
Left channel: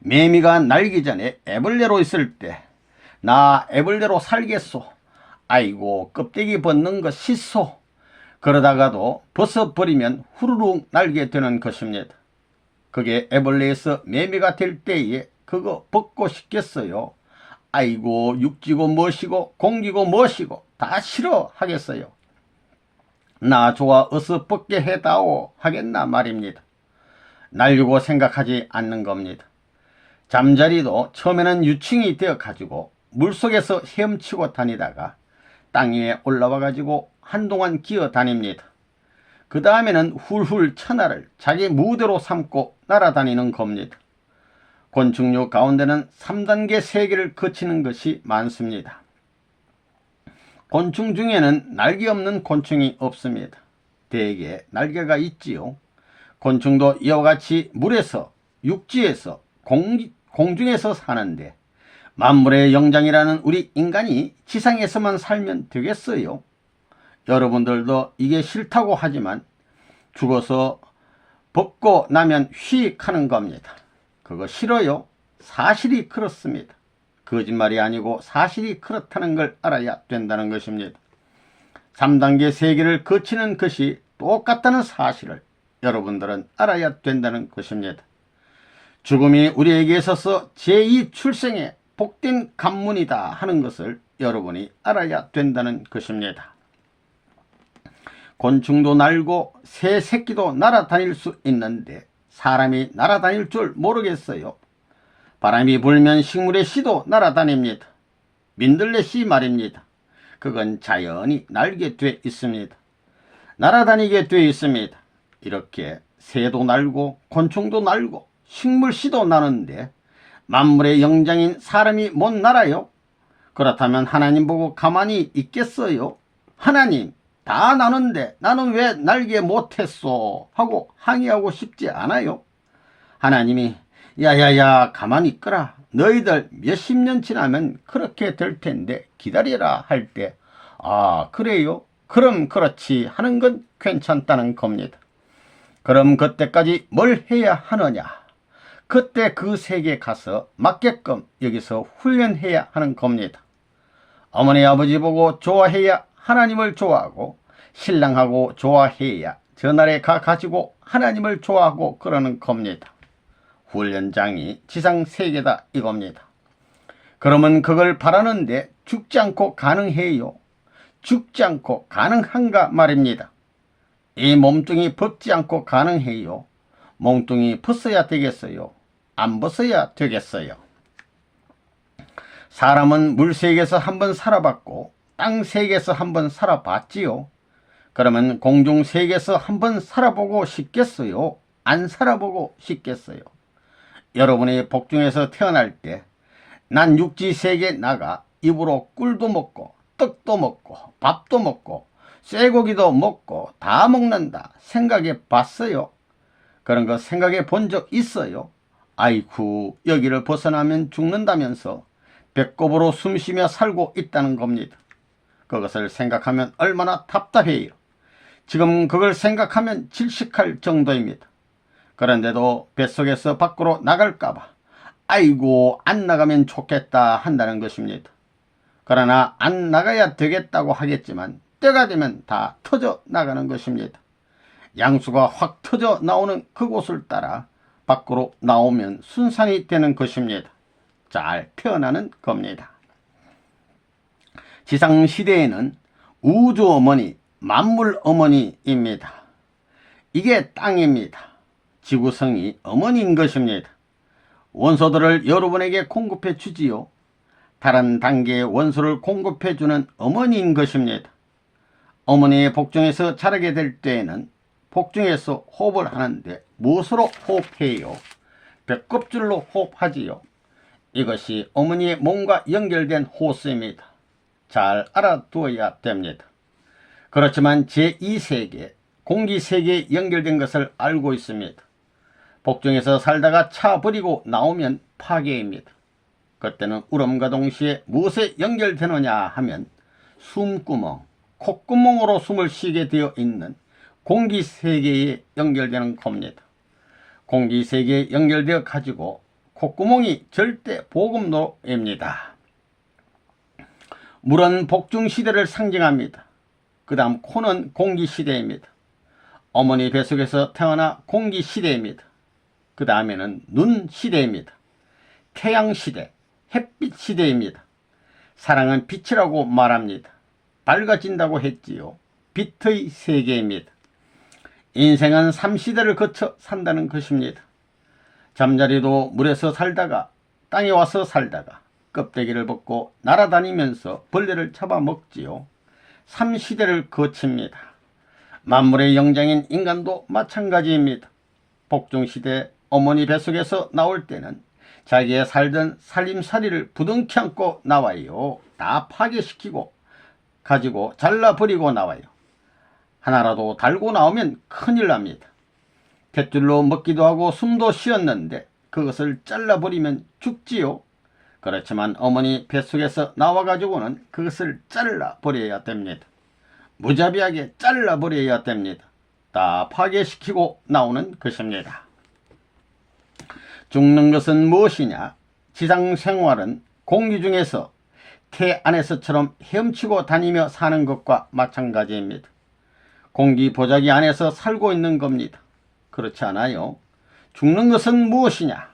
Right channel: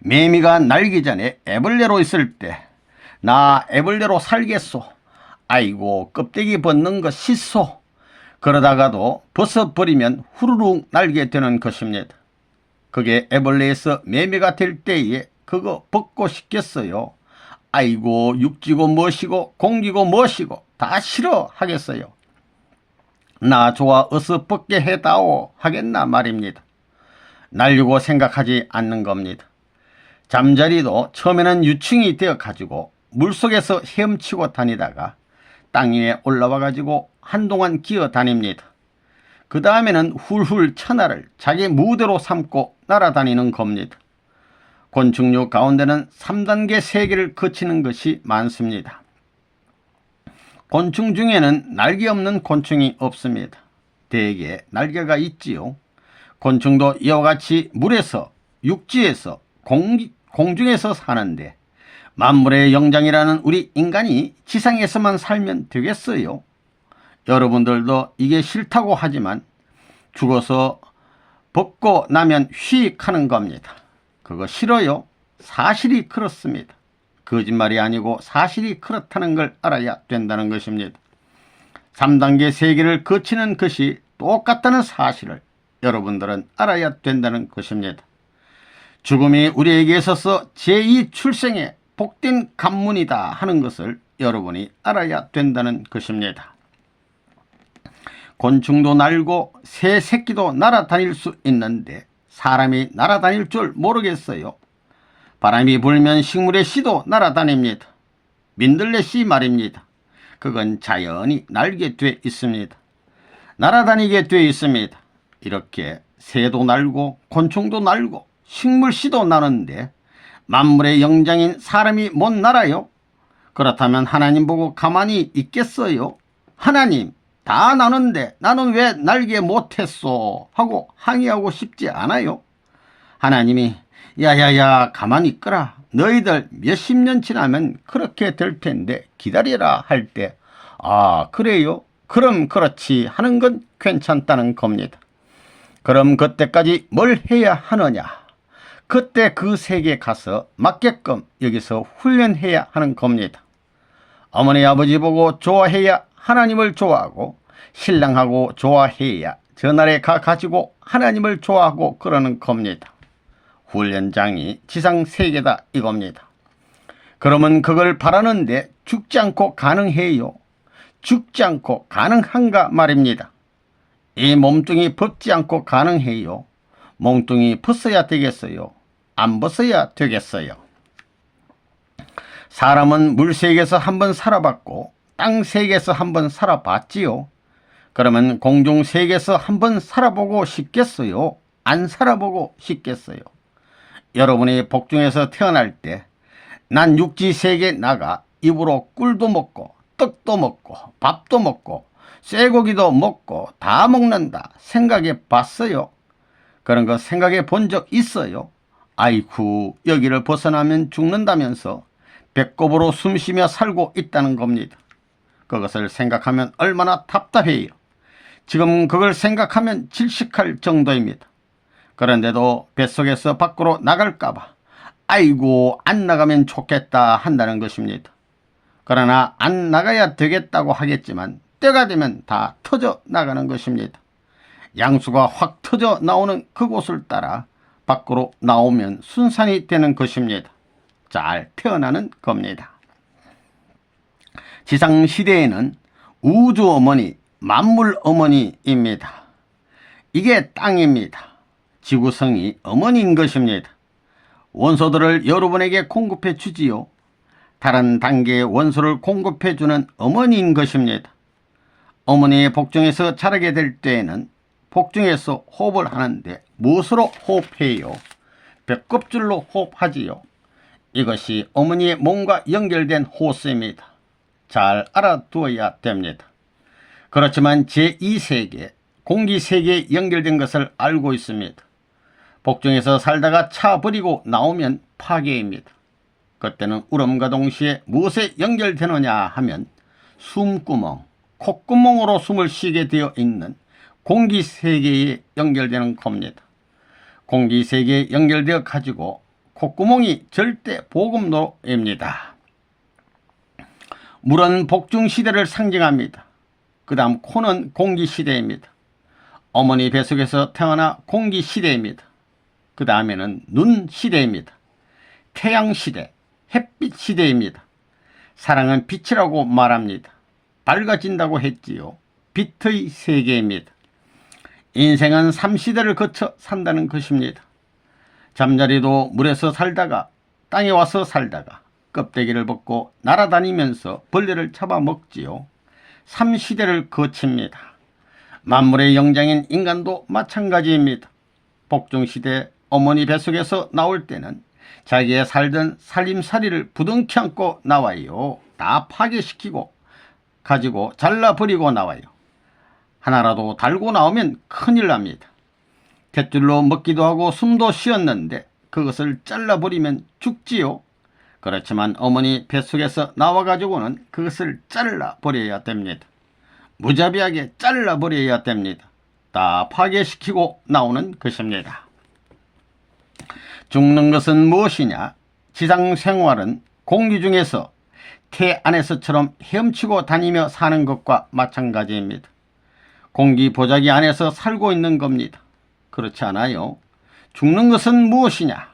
매미가 날기 전에 애벌레로 있을 때 나 애벌레로 살겠소. 아이고 껍데기 벗는 거 싫소. 그러다가도 벗어버리면 후루룩 날게 되는 것입니다. 그게 애벌레에서 매미가 될 때에 그거 벗고 싶겠어요? 아이고 육지고 무엇이고 공기고 무엇이고 다 싫어 하겠어요. 나 좋아 어서 벗게 해다오 하겠나 말입니다. 날려고 생각하지 않는 겁니다. 잠자리도 처음에는 유충이 되어 가지고 물속에서 헤엄치고 다니다가 땅 위에 올라와 가지고 한동안 기어 다닙니다. 그 다음에는 훌훌 천하를 자기 무대로 삼고 날아다니는 겁니다. 곤충류 가운데는 3단계 세계를 거치는 것이 많습니다. 곤충 중에는 날개 없는 곤충이 없습니다. 대개 날개가 있지요. 곤충도 이와 같이 물에서, 육지에서, 공중에서 사는데 만물의 영장이라는 우리 인간이 지상에서만 살면 되겠어요? 여러분들도 이게 싫다고 하지만 죽어서 벗고 나면 휙 하는 겁니다. 그거 싫어요? 사실이 그렇습니다. 거짓말이 아니고 사실이 그렇다는 걸 알아야 된다는 것입니다. 3단계 세계를 거치는 것이 똑같다는 사실을 여러분들은 알아야 된다는 것입니다. 죽음이 우리에게 있어서 제2 출생의 복된 관문이다 하는 것을 여러분이 알아야 된다는 것입니다. 곤충도 날고 새 새끼도 날아다닐 수 있는데 사람이 날아다닐 줄 모르겠어요. 바람이 불면 식물의 씨도 날아다닙니다. 민들레 씨 말입니다. 그건 자연히 날게 돼 있습니다. 날아다니게 돼 있습니다. 이렇게 새도 날고 곤충도 날고 식물 씨도 나는데 만물의 영장인 사람이 못 날아요? 그렇다면 하나님 보고 가만히 있겠어요? 하나님 다 나는데 나는 왜 날게 못했소? 하고 항의하고 싶지 않아요? 하나님이 야야야 가만히 있거라. 너희들 몇십 년 지나면 그렇게 될 텐데 기다리라 할 때 아 그래요? 그럼 그렇지 하는 건 괜찮다는 겁니다. 그럼 그때까지 뭘 해야 하느냐? 그때 그 세계에 가서 맞게끔 여기서 훈련해야 하는 겁니다. 어머니 아버지 보고 좋아해야 하나님을 좋아하고 신랑하고 좋아해야 저날에 가가지고 하나님을 좋아하고 그러는 겁니다. 훈련장이 지상세계다 이겁니다. 그러면 그걸 바라는데 죽지 않고 가능해요? 죽지 않고 가능한가 말입니다. 이 몸뚱이 벗지 않고 가능해요? 몸뚱이 벗어야 되겠어요? 안 벗어야 되겠어요? 사람은 물세계에서 한번 살아봤고 땅세계에서 한번 살아봤지요. 그러면 공중세계에서 한번 살아보고 싶겠어요? 안 살아보고 싶겠어요? 여러분이 복중에서 태어날 때 난 육지세계에 나가 입으로 꿀도 먹고 떡도 먹고 밥도 먹고 쇠고기도 먹고 다 먹는다 생각해 봤어요? 그런 거 생각해 본 적 있어요? 아이쿠 여기를 벗어나면 죽는다면서 배꼽으로 숨쉬며 살고 있다는 겁니다. 그것을 생각하면 얼마나 답답해요. 지금 그걸 생각하면 질식할 정도입니다. 그런데도 뱃속에서 밖으로 나갈까봐 아이고 안 나가면 좋겠다 한다는 것입니다. 그러나 안 나가야 되겠다고 하겠지만 때가 되면 다 터져 나가는 것입니다. 양수가 확 터져 나오는 그곳을 따라 밖으로 나오면 순산이 되는 것입니다. 잘 태어나는 겁니다. 지상시대에는 우주 어머니, 만물 어머니입니다. 이게 땅입니다. 지구성이 어머니인 것입니다. 원소들을 여러분에게 공급해 주지요. 다른 단계의 원소를 공급해 주는 어머니인 것입니다. 어머니의 복중에서 자라게 될 때에는 복중에서 호흡을 하는데 무엇으로 호흡해요? 벽껍질로 호흡하지요. 이것이 어머니의 몸과 연결된 호수입니다. 잘 알아두어야 됩니다. 그렇지만 제2세계, 공기세계에 연결된 것을 알고 있습니다. 복중에서 살다가 차버리고 나오면 파괴입니다. 그때는 울음과 동시에 무엇에 연결되느냐 하면 숨구멍, 콧구멍으로 숨을 쉬게 되어 있는 공기세계에 연결되는 겁니다. 공기세계에 연결되어 가지고 콧구멍이 절대 보급로입니다. 물은 복중시대를 상징합니다. 그 다음 코는 공기시대입니다. 어머니 뱃속에서 태어나 공기시대입니다. 그 다음에는 눈시대입니다. 태양시대, 햇빛시대입니다. 사랑은 빛이라고 말합니다. 밝아진다고 했지요. 빛의 세계입니다. 인생은 3시대를 거쳐 산다는 것입니다. 잠자리도 물에서 살다가 땅에 와서 살다가 껍데기를 벗고 날아다니면서 벌레를 잡아먹지요. 3시대를 거칩니다. 만물의 영장인 인간도 마찬가지입니다. 복중시대 어머니 뱃속에서 나올 때는 자기의 살던 살림살이를 부둥켜 안고 나와요. 다 파괴시키고 가지고 잘라버리고 나와요. 하나라도 달고 나오면 큰일 납니다. 탯줄로 먹기도 하고 숨도 쉬었는데 그것을 잘라버리면 죽지요. 그렇지만 어머니 뱃속에서 나와가지고는 그것을 잘라버려야 됩니다. 무자비하게 잘라버려야 됩니다. 다 파괴시키고 나오는 것입니다. 죽는 것은 무엇이냐? 지상생활은 공기 중에서 태 안에서처럼 헤엄치고 다니며 사는 것과 마찬가지입니다. 공기 보자기 안에서 살고 있는 겁니다. 그렇지 않아요? 죽는 것은 무엇이냐?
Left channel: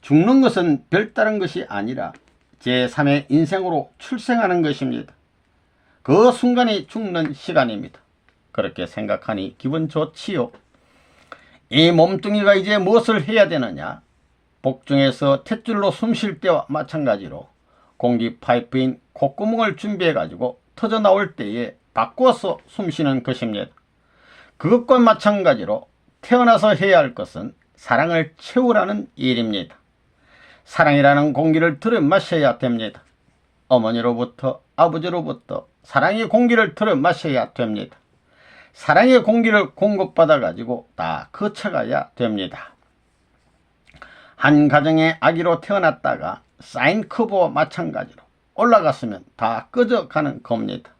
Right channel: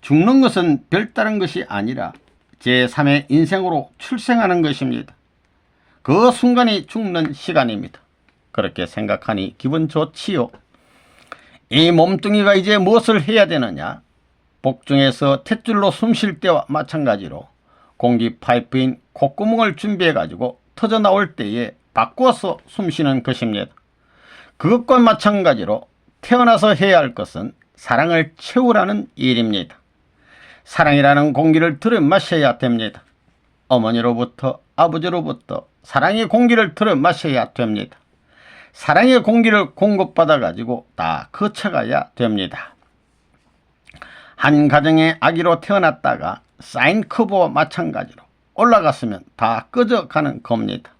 죽는 것은 별다른 것이 아니라 제3의 인생으로 출생하는 것입니다. 그 순간이 죽는 시간입니다. 그렇게 생각하니 기분 좋지요. 이 몸뚱이가 이제 무엇을 해야 되느냐? 복중에서 탯줄로 숨 쉴 때와 마찬가지로 공기 파이프인 콧구멍을 준비해 가지고 터져 나올 때에 바꿔서 숨 쉬는 것입니다. 그것과 마찬가지로 태어나서 해야 할 것은 사랑을 채우라는 일입니다. 사랑이라는 공기를 들여 마셔야 됩니다. 어머니로부터 아버지로부터 사랑의 공기를 들여 마셔야 됩니다. 사랑의 공기를 공급받아 가지고 다 거쳐가야 됩니다. 한 가정의 아기로 태어났다가 사인커브와 마찬가지로 올라갔으면 다 꺼져가는 겁니다.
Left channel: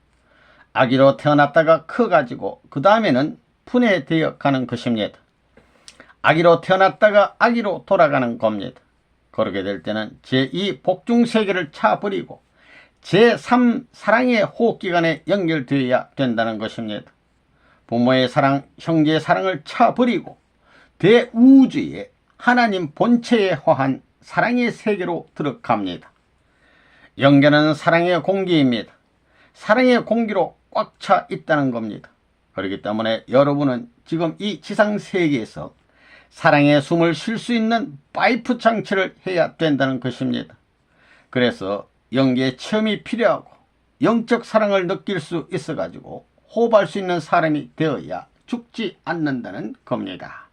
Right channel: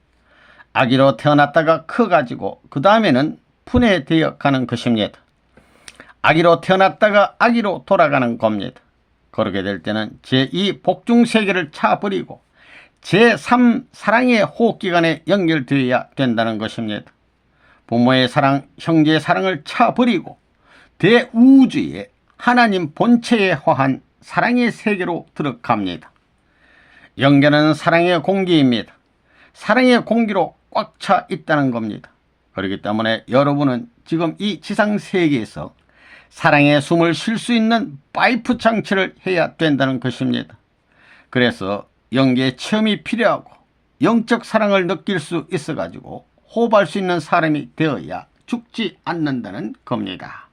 아기로 태어났다가 커가지고 그 다음에는 분해되어 가는 것입니다. 아기로 태어났다가 아기로 돌아가는 겁니다. 그렇게 될 때는 제2 복중세계를 차버리고 제3 사랑의 호흡기관에 연결되어야 된다는 것입니다. 부모의 사랑, 형제의 사랑을 차버리고 대우주의 하나님 본체에 화한 사랑의 세계로 들어갑니다. 연결은 사랑의 공기입니다. 사랑의 공기로 꽉 차 있다는 겁니다. 그렇기 때문에 여러분은 지금 이 지상세계에서 사랑의 숨을 쉴 수 있는 파이프 장치를 해야 된다는 것입니다. 그래서 영계의 체험이 필요하고 영적 사랑을 느낄 수 있어 가지고 호흡할 수 있는 사람이 되어야 죽지 않는다는 겁니다.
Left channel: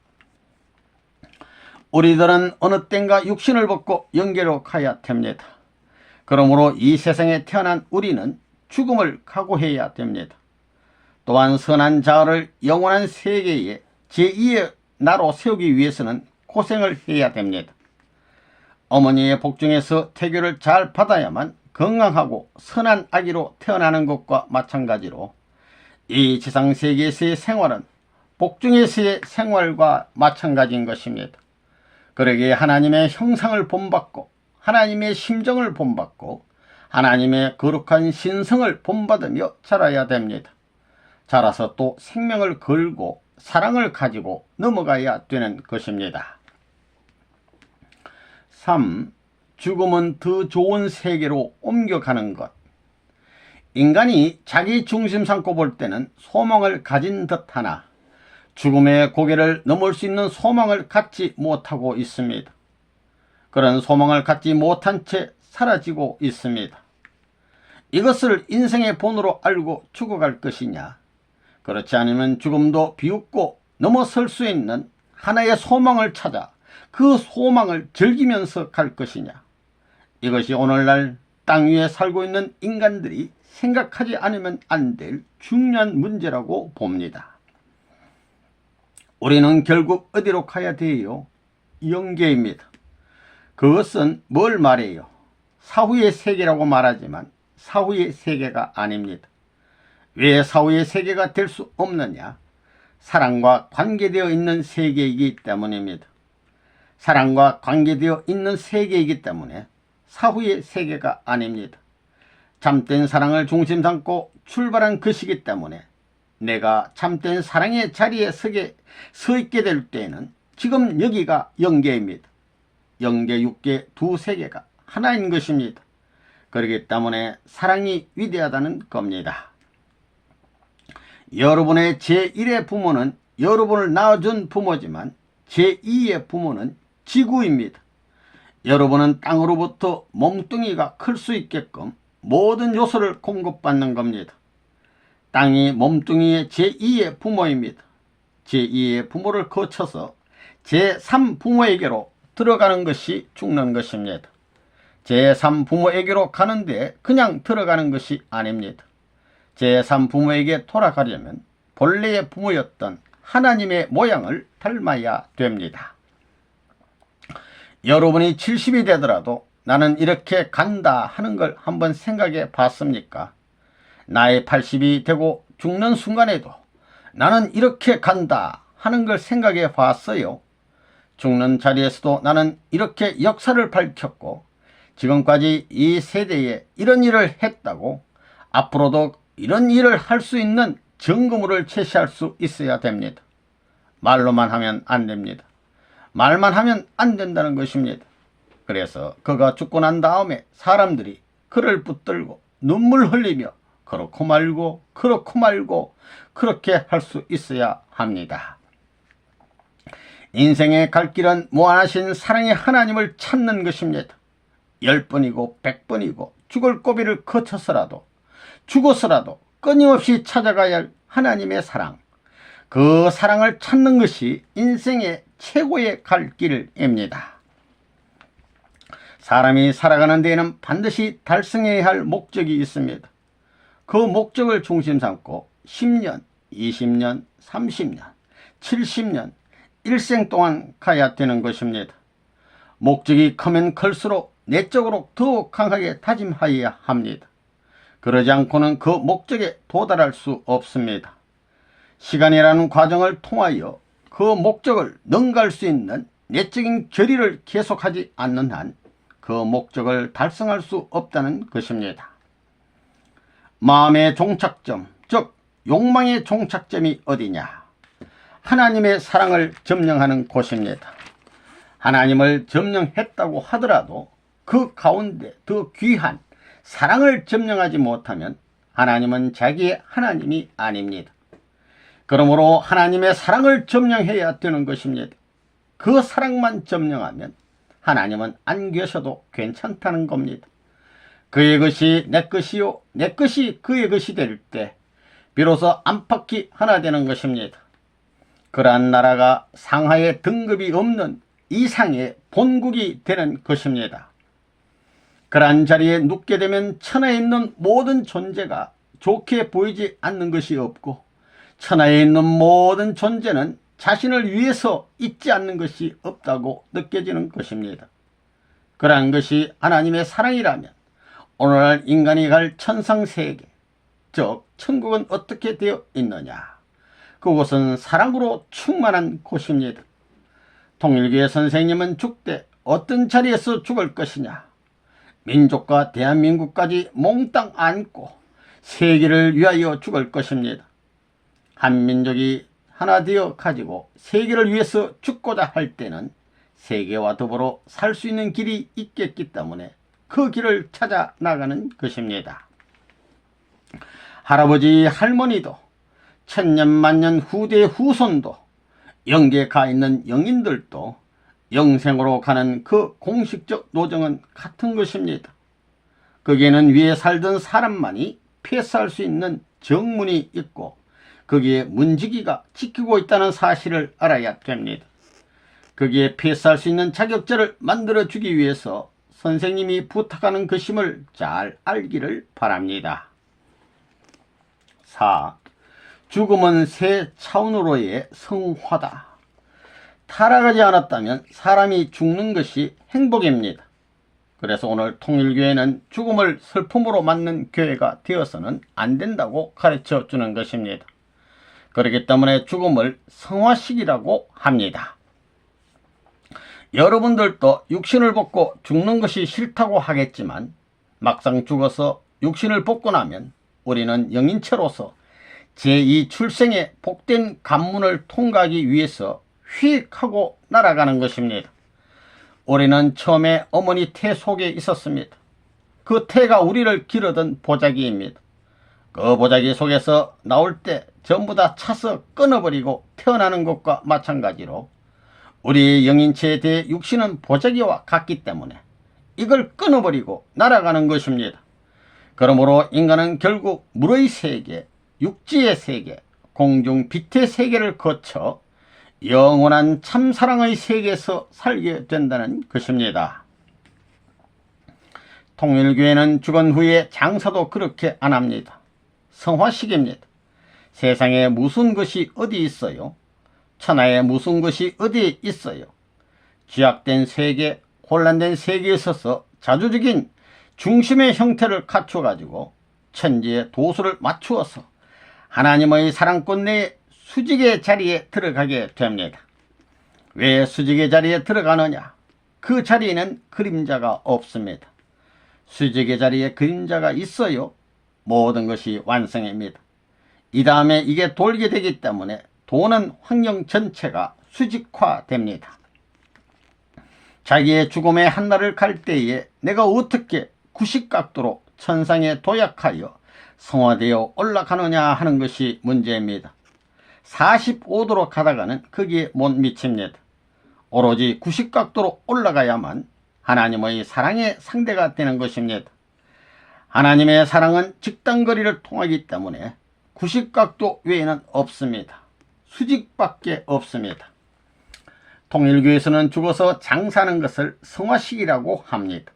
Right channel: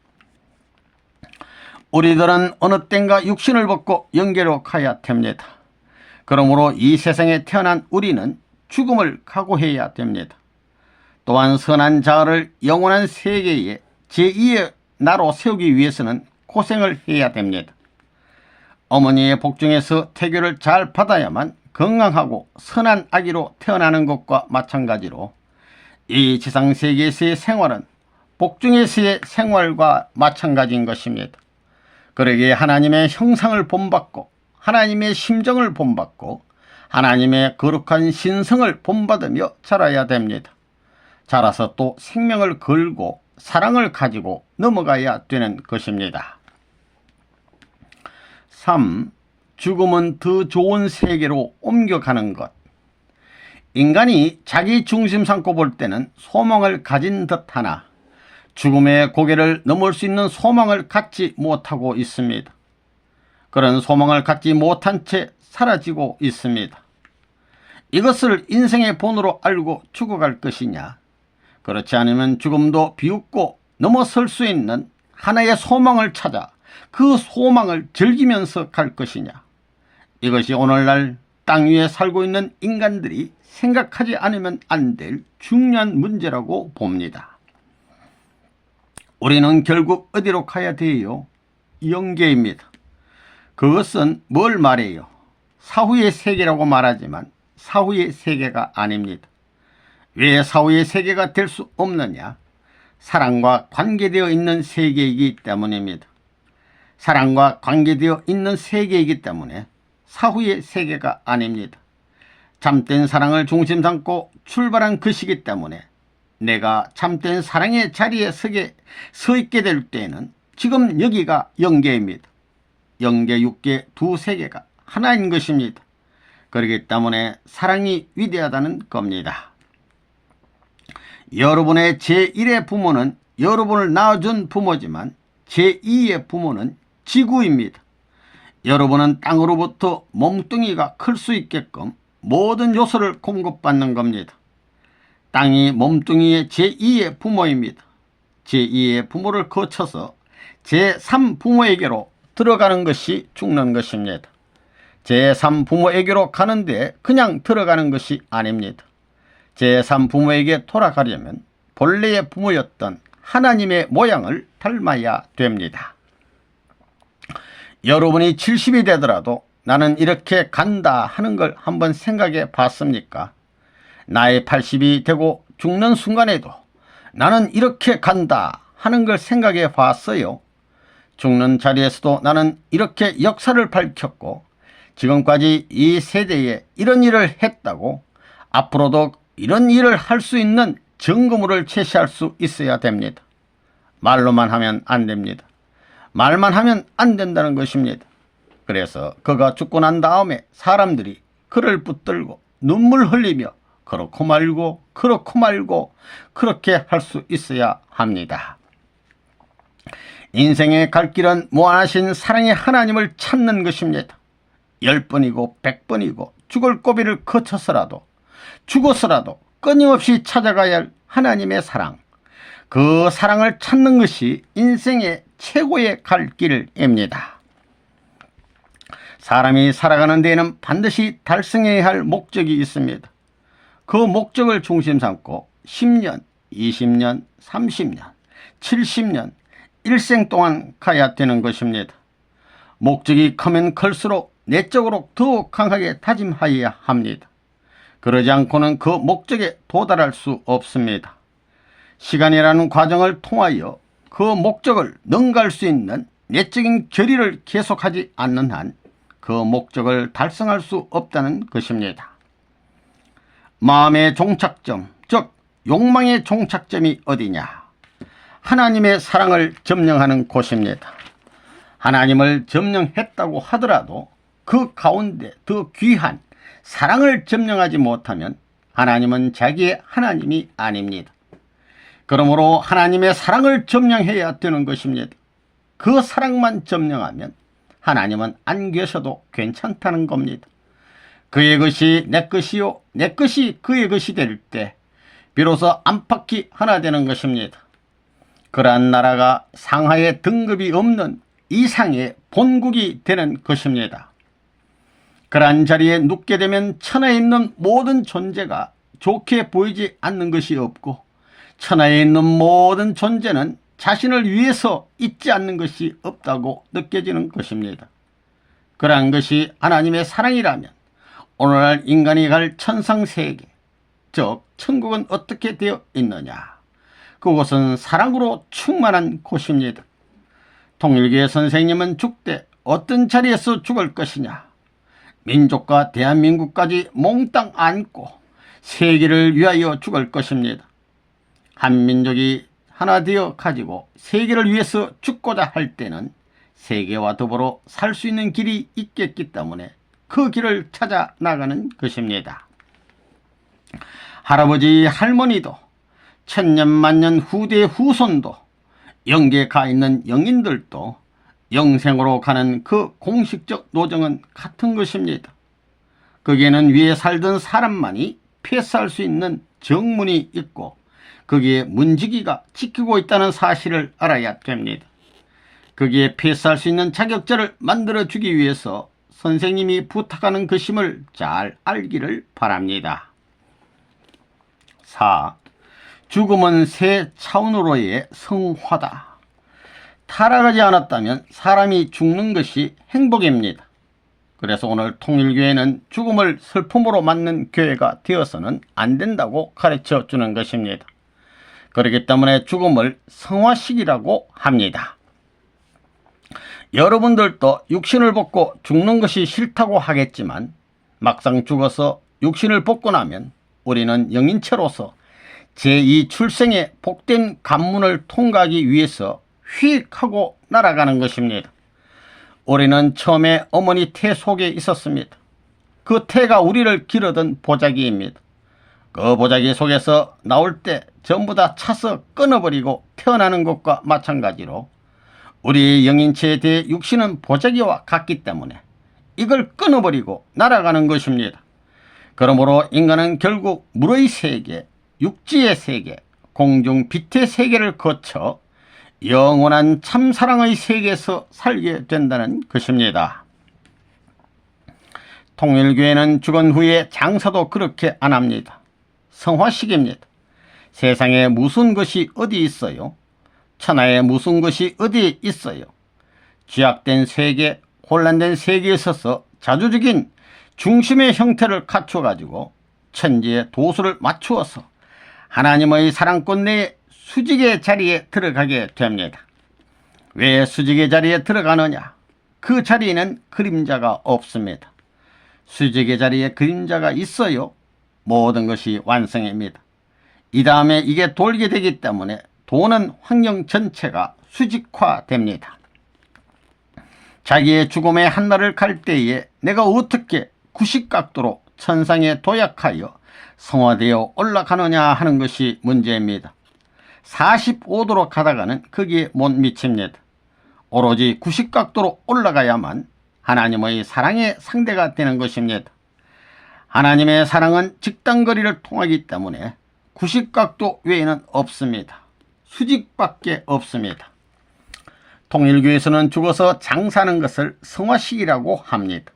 우리들은 어느 땐가 육신을 벗고 영계로 가야 됩니다. 그러므로 이 세상에 태어난 우리는 죽음을 각오해야 됩니다. 또한 선한 자아를 영원한 세계에 제2의 나로 세우기 위해서는 고생을 해야 됩니다. 어머니의 복중에서 태교를 잘 받아야만 건강하고 선한 아기로 태어나는 것과 마찬가지로 이 지상세계에서의 생활은 복중에서의 생활과 마찬가지인 것입니다. 그러기에 하나님의 형상을 본받고 하나님의 심정을 본받고 하나님의 거룩한 신성을 본받으며 자라야 됩니다. 자라서 또 생명을 걸고 사랑을 가지고 넘어가야 되는 것입니다. 3. 죽음은 더 좋은 세계로 옮겨가는 것. 인간이 자기 중심 삼고 볼 때는 소망을 가진 듯하나 죽음의 고개를 넘을 수 있는 소망을 갖지 못하고 있습니다. 그런 소망을 갖지 못한 채 사라지고 있습니다. 이것을 인생의 본으로 알고 죽어갈 것이냐, 그렇지 않으면 죽음도 비웃고 넘어설 수 있는 하나의 소망을 찾아 그 소망을 즐기면서 갈 것이냐, 이것이 오늘날 땅 위에 살고 있는 인간들이 생각하지 않으면 안 될 중요한 문제라고 봅니다. 우리는 결국 어디로 가야 돼요? 영계입니다. 그것은 뭘 말해요? 사후의 세계라고 말하지만 사후의 세계가 아닙니다. 왜 사후의 세계가 될 수 없느냐? 사랑과 관계되어 있는 세계이기 때문입니다. 사랑과 관계되어 있는 세계이기 때문에 사후의 세계가 아닙니다. 참된 사랑을 중심 삼고 출발한 것이기 때문에 내가 참된 사랑의 자리에 서 있게 될 때에는 지금 여기가 영계입니다. 영계, 육계 두 세계가 하나인 것입니다. 그렇기 때문에 사랑이 위대하다는 겁니다. 여러분의 제1의 부모는 여러분을 낳아준 부모지만 제2의 부모는 지구입니다. 여러분은 땅으로부터 몸뚱이가 클 수 있게끔 모든 요소를 공급받는 겁니다. 땅이 몸뚱이의 제2의 부모입니다. 제2의 부모를 거쳐서 제3부모에게로 들어가는 것이 죽는 것입니다. 제3부모에게로 가는데 그냥 들어가는 것이 아닙니다. 제3부모에게 돌아가려면 본래의 부모였던 하나님의 모양을 닮아야 됩니다. 여러분이 70이 되더라도 나는 이렇게 간다 하는 걸 한번 생각해 봤습니까? 나의 80이 되고 죽는 순간에도 나는 이렇게 간다 하는 걸 생각해 봤어요. 죽는 자리에서도 나는 이렇게 역사를 밝혔고 지금까지 이 세대에 이런 일을 했다고 앞으로도 이런 일을 할 수 있는 증거물을 제시할 수 있어야 됩니다. 말로만 하면 안 됩니다. 말만 하면 안 된다는 것입니다. 그래서 그가 죽고 난 다음에 사람들이 그를 붙들고 눈물 흘리며 그렇고 말고 그렇고 말고 그렇게 할 수 있어야 합니다. 인생의 갈 길은 무한하신 사랑의 하나님을 찾는 것입니다. 10번이고 100번이고 죽을 고비를 거쳐서라도 죽어서라도 끊임없이 찾아가야 할 하나님의 사랑, 그 사랑을 찾는 것이 인생의 최고의 갈 길입니다. 사람이 살아가는 데에는 반드시 달성해야 할 목적이 있습니다. 그 목적을 중심 삼고 10년, 20년, 30년, 70년, 일생 동안 가야 되는 것입니다. 목적이 크면 클수록 내적으로 더욱 강하게 다짐하여야 합니다. 그러지 않고는 그 목적에 도달할 수 없습니다. 시간이라는 과정을 통하여 그 목적을 능가할 수 있는 내적인 결의를 계속하지 않는 한 그 목적을 달성할 수 없다는 것입니다. 마음의 종착점, 즉 욕망의 종착점이 어디냐? 하나님의 사랑을 점령하는 곳입니다. 하나님을 점령했다고 하더라도 그 가운데 더 귀한 사랑을 점령하지 못하면 하나님은 자기의 하나님이 아닙니다. 그러므로 하나님의 사랑을 점령해야 되는 것입니다. 그 사랑만 점령하면 하나님은 안 계셔도 괜찮다는 겁니다. 그의 것이 내 것이요 내 것이 그의 것이 될 때 비로소 안팎이 하나 되는 것입니다. 그러한 나라가 상하의 등급이 없는 이상의 본국이 되는 것입니다. 그러한 자리에 눕게 되면 천하에 있는 모든 존재가 좋게 보이지 않는 것이 없고 천하에 있는 모든 존재는 자신을 위해서 있지 않는 것이 없다고 느껴지는 것입니다. 그러한 것이 하나님의 사랑이라면 오늘날 인간이 갈 천상세계, 즉 천국은 어떻게 되어 있느냐? 그곳은 사랑으로 충만한 곳입니다. 통일교의 선생님은 죽되 어떤 자리에서 죽을 것이냐? 민족과 대한민국까지 몽땅 안고 세계를 위하여 죽을 것입니다. 한 민족이 하나 되어 가지고 세계를 위해서 죽고자 할 때는 세계와 더불어 살 수 있는 길이 있겠기 때문에 그 길을 찾아 나가는 것입니다. 할아버지 할머니도 천년만년 후대 후손도 영계에 가 있는 영인들도 영생으로 가는 그 공식적 노정은 같은 것입니다. 거기에는 위에 살던 사람만이 패스할 수 있는 정문이 있고 거기에 문지기가 지키고 있다는 사실을 알아야 됩니다. 거기에 패스할 수 있는 자격자를 만들어주기 위해서 선생님이 부탁하는 것임을 잘 알기를 바랍니다. 4. 죽음은 새 차원으로의 성화다. 타락하지 않았다면 사람이 죽는 것이 행복입니다. 그래서 오늘 통일교회는 죽음을 슬픔으로 맞는 교회가 되어서는 안 된다고 가르쳐 주는 것입니다. 그렇기 때문에 죽음을 성화식이라고 합니다. 여러분들도 육신을 벗고 죽는 것이 싫다고 하겠지만 막상 죽어서 육신을 벗고 나면 우리는 영인체로서 제2 출생의 복된 관문을 통과하기 위해서 휙 하고 날아가는 것입니다. 우리는 처음에 어머니 태 속에 있었습니다. 그 태가 우리를 기르던 보자기입니다. 그 보자기 속에서 나올 때 전부 다 차서 끊어버리고 태어나는 것과 마찬가지로 우리 영인체에 대해 육신은 보자기와 같기 때문에 이걸 끊어버리고 날아가는 것입니다. 그러므로 인간은 결국 물의 세계, 육지의 세계, 공중 빛의 세계를 거쳐 영원한 참사랑의 세계에서 살게 된다는 것입니다. 통일교회는 죽은 후에 장사도 그렇게 안 합니다. 성화식입니다. 세상에 무슨 것이 어디 있어요? 천하에 무슨 것이 어디 있어요? 죄악된 세계, 혼란된 세계에 있어서 자주적인 중심의 형태를 갖춰가지고 천지의 도수를 맞추어서 하나님의 사랑권 내에 수직의 자리에 들어가게 됩니다. 왜 수직의 자리에 들어가느냐? 그 자리에는 그림자가 없습니다. 수직의 자리에 그림자가 있어요. 모든 것이 완성입니다. 이 다음에 이게 돌게 되기 때문에 도는 환경 전체가 수직화됩니다. 자기의 죽음의 한날을 갈 때에 내가 어떻게 90각도로 천상에 도약하여 성화되어 올라가느냐 하는 것이 문제입니다. 45도로 가다가는 거기에 못 미칩니다. 오로지 90각도로 올라가야만 하나님의 사랑의 상대가 되는 것입니다. 하나님의 사랑은 직단거리를 통하기 때문에 90각도 외에는 없습니다. 수직밖에 없습니다. 통일교에서는 죽어서 장사하는 것을 성화식이라고 합니다.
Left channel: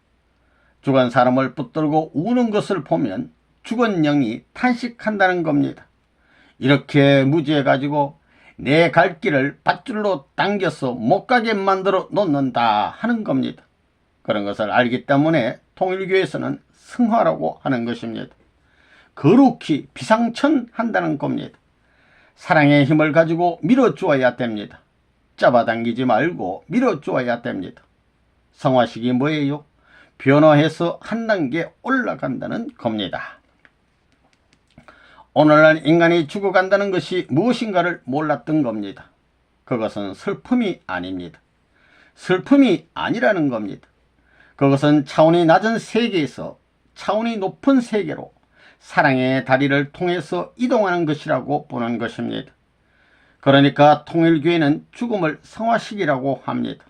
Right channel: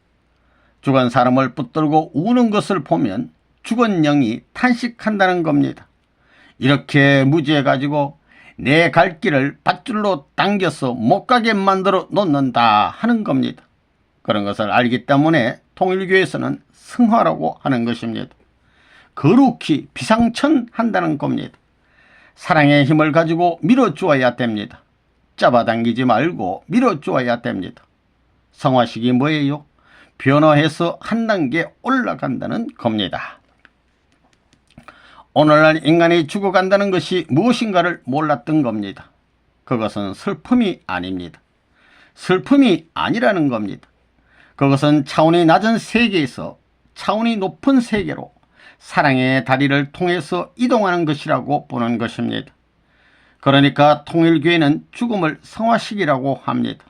죽은 사람을 붙들고 우는 것을 보면 죽은 영이 탄식한다는 겁니다. 이렇게 무지해가지고 내 갈 길을 밧줄로 당겨서 못 가게 만들어 놓는다 하는 겁니다. 그런 것을 알기 때문에 통일교에서는 성화라고 하는 것입니다. 거룩히 비상천한다는 겁니다. 사랑의 힘을 가지고 밀어주어야 됩니다. 잡아당기지 말고 밀어주어야 됩니다. 성화식이 뭐예요? 변화해서 한 단계 올라간다는 겁니다. 오늘날 인간이 죽어간다는 것이 무엇인가를 몰랐던 겁니다. 그것은 슬픔이 아닙니다. 슬픔이 아니라는 겁니다. 그것은 차원이 낮은 세계에서 차원이 높은 세계로 사랑의 다리를 통해서 이동하는 것이라고 보는 것입니다. 그러니까 통일교회는 죽음을 성화식이라고 합니다.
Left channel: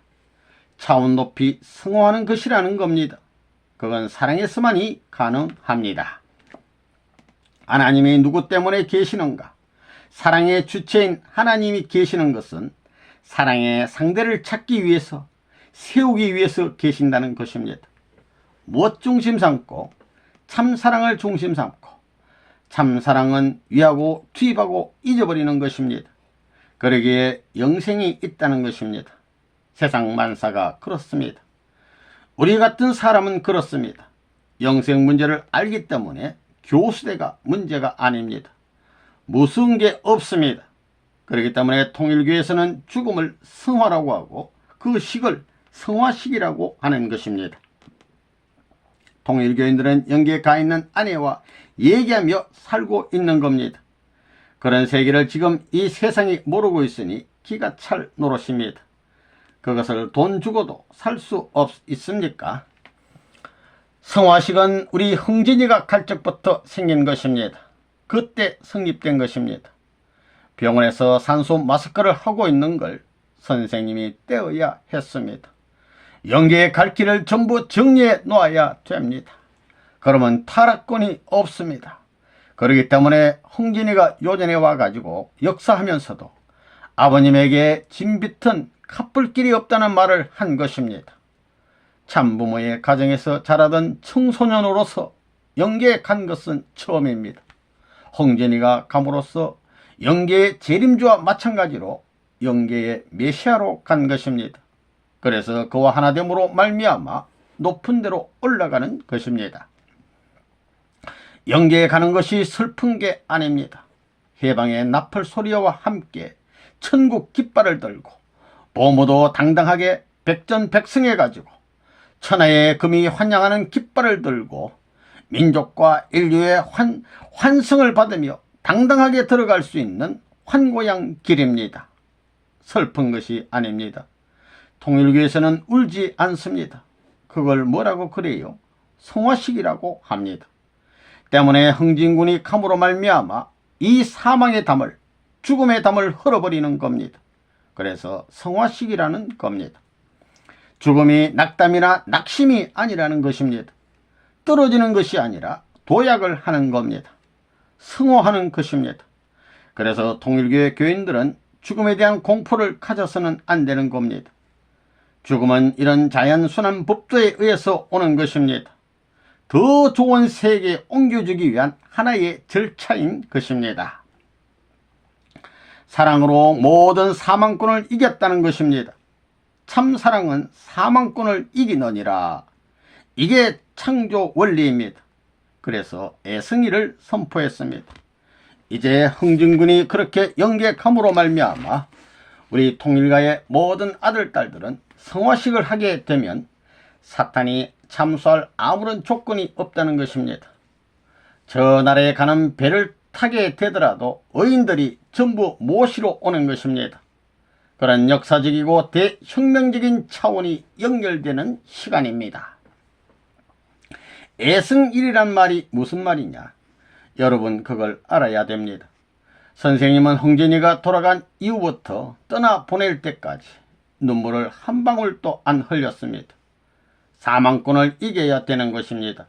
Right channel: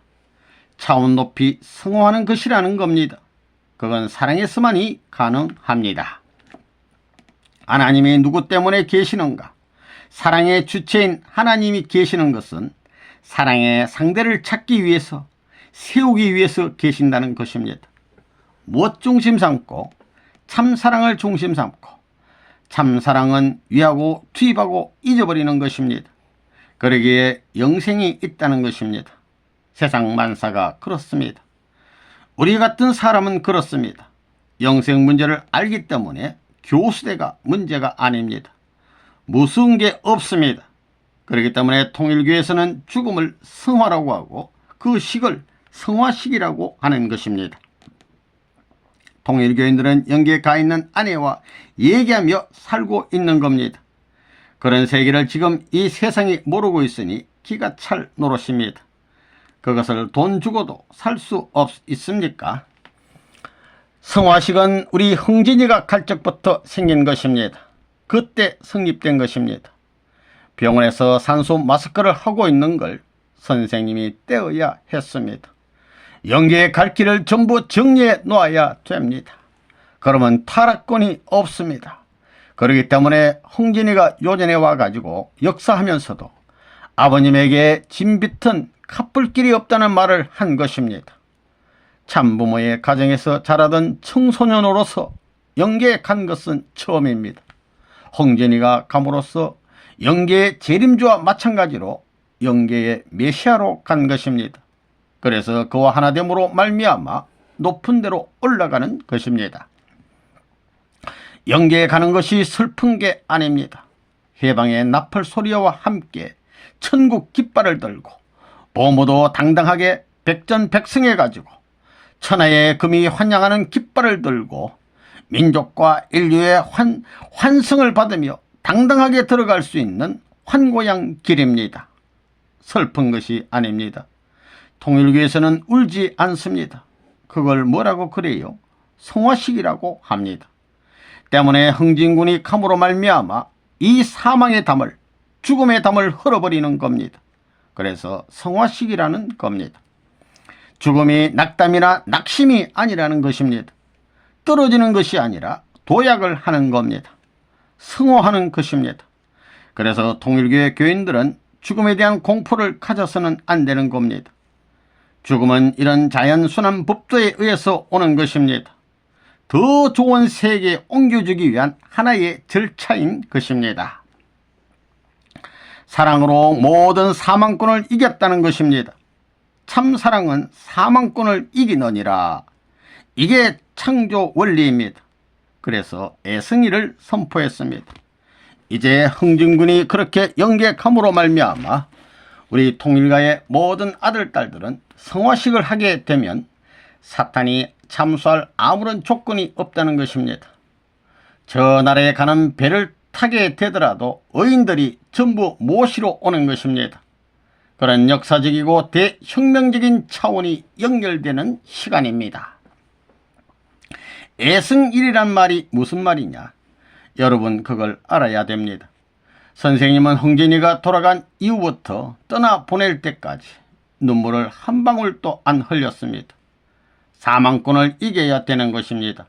차원 높이 성화하는 것이라는 겁니다. 그건 사랑에서만이 가능합니다. 하나님이 누구 때문에 계시는가? 사랑의 주체인 하나님이 계시는 것은 사랑의 상대를 찾기 위해서, 세우기 위해서 계신다는 것입니다. 무엇 중심 삼고? 참사랑을 중심 삼고, 참사랑은 위하고 투입하고 잊어버리는 것입니다. 그러기에 영생이 있다는 것입니다. 세상 만사가 그렇습니다. 우리 같은 사람은 그렇습니다. 영생 문제를 알기 때문에 교수대가 문제가 아닙니다. 무서운 게 없습니다. 그렇기 때문에 통일교에서는 죽음을 성화라고 하고 그 식을 성화식이라고 하는 것입니다. 통일교인들은 영계에 가 있는 아내와 얘기하며 살고 있는 겁니다. 그런 세계를 지금 이 세상이 모르고 있으니 기가 찰 노릇입니다. 그것을 돈 주고도 살 수 있습니까? 성화식은 우리 흥진이가 갈 적부터 생긴 것입니다. 그때 성립된 것입니다. 병원에서 산소 마스크를 하고 있는 걸 선생님이 떼어야 했습니다. 영계에 갈 길을 전부 정리해 놓아야 됩니다. 그러면 타락권이 없습니다. 그렇기 때문에 흥진이가 요전에 와가지고 역사하면서도 아버님에게 진빛은 갚을 길이 없다는 말을 한 것입니다. 참부모의 가정에서 자라던 청소년으로서 영계에 간 것은 처음입니다. 흥진이가 감으로써 영계의 재림주와 마찬가지로 영계의 메시아로 간 것입니다. 그래서 그와 하나됨으로 말미암아 높은 데로 올라가는 것입니다. 영계에 가는 것이 슬픈 게 아닙니다. 해방의 나팔 소리와 함께 천국 깃발을 들고 보모도 당당하게 백전백승해 가지고 천하의 금이 환영하는 깃발을 들고 민족과 인류의 환승을 받으며 당당하게 들어갈 수 있는 환고양 길입니다. 슬픈 것이 아닙니다. 통일교에서는 울지 않습니다. 그걸 뭐라고 그래요? 성화식이라고 합니다. 때문에 흥진군이 감으로 말미암아 이 사망의 담을, 죽음의 담을 흘어버리는 겁니다. 그래서 성화식이라는 겁니다. 죽음이 낙담이나 낙심이 아니라는 것입니다. 떨어지는 것이 아니라 도약을 하는 겁니다. 승호하는 것입니다. 그래서 통일교의 교인들은 죽음에 대한 공포를 가져서는 안 되는 겁니다. 죽음은 이런 자연순환 법도에 의해서 오는 것입니다. 더 좋은 세계에 옮겨주기 위한 하나의 절차인 것입니다. 사랑으로 모든 사망권을 이겼다는 것입니다. 참사랑은 사망권을 이기느니라. 이게 창조 원리입니다. 그래서 애승이를 선포했습니다. 이제 흥진군이 그렇게 영계감으로 말미암아 우리 통일가의 모든 아들, 딸들은 성화식을 하게 되면 사탄이 참수할 아무런 조건이 없다는 것입니다. 저 나라에 가는 배를 타게 되더라도 의인들이 전부 모시러 오는 것입니다. 그런 역사적이고 대혁명적인 차원이 연결되는 시간입니다. 애승일이란 말이 무슨 말이냐? 여러분 그걸 알아야 됩니다. 선생님은 흥진이가 돌아간 이후부터 떠나보낼 때까지 눈물을 한 방울도 안 흘렸습니다. 사망권을 이겨야 되는 것입니다.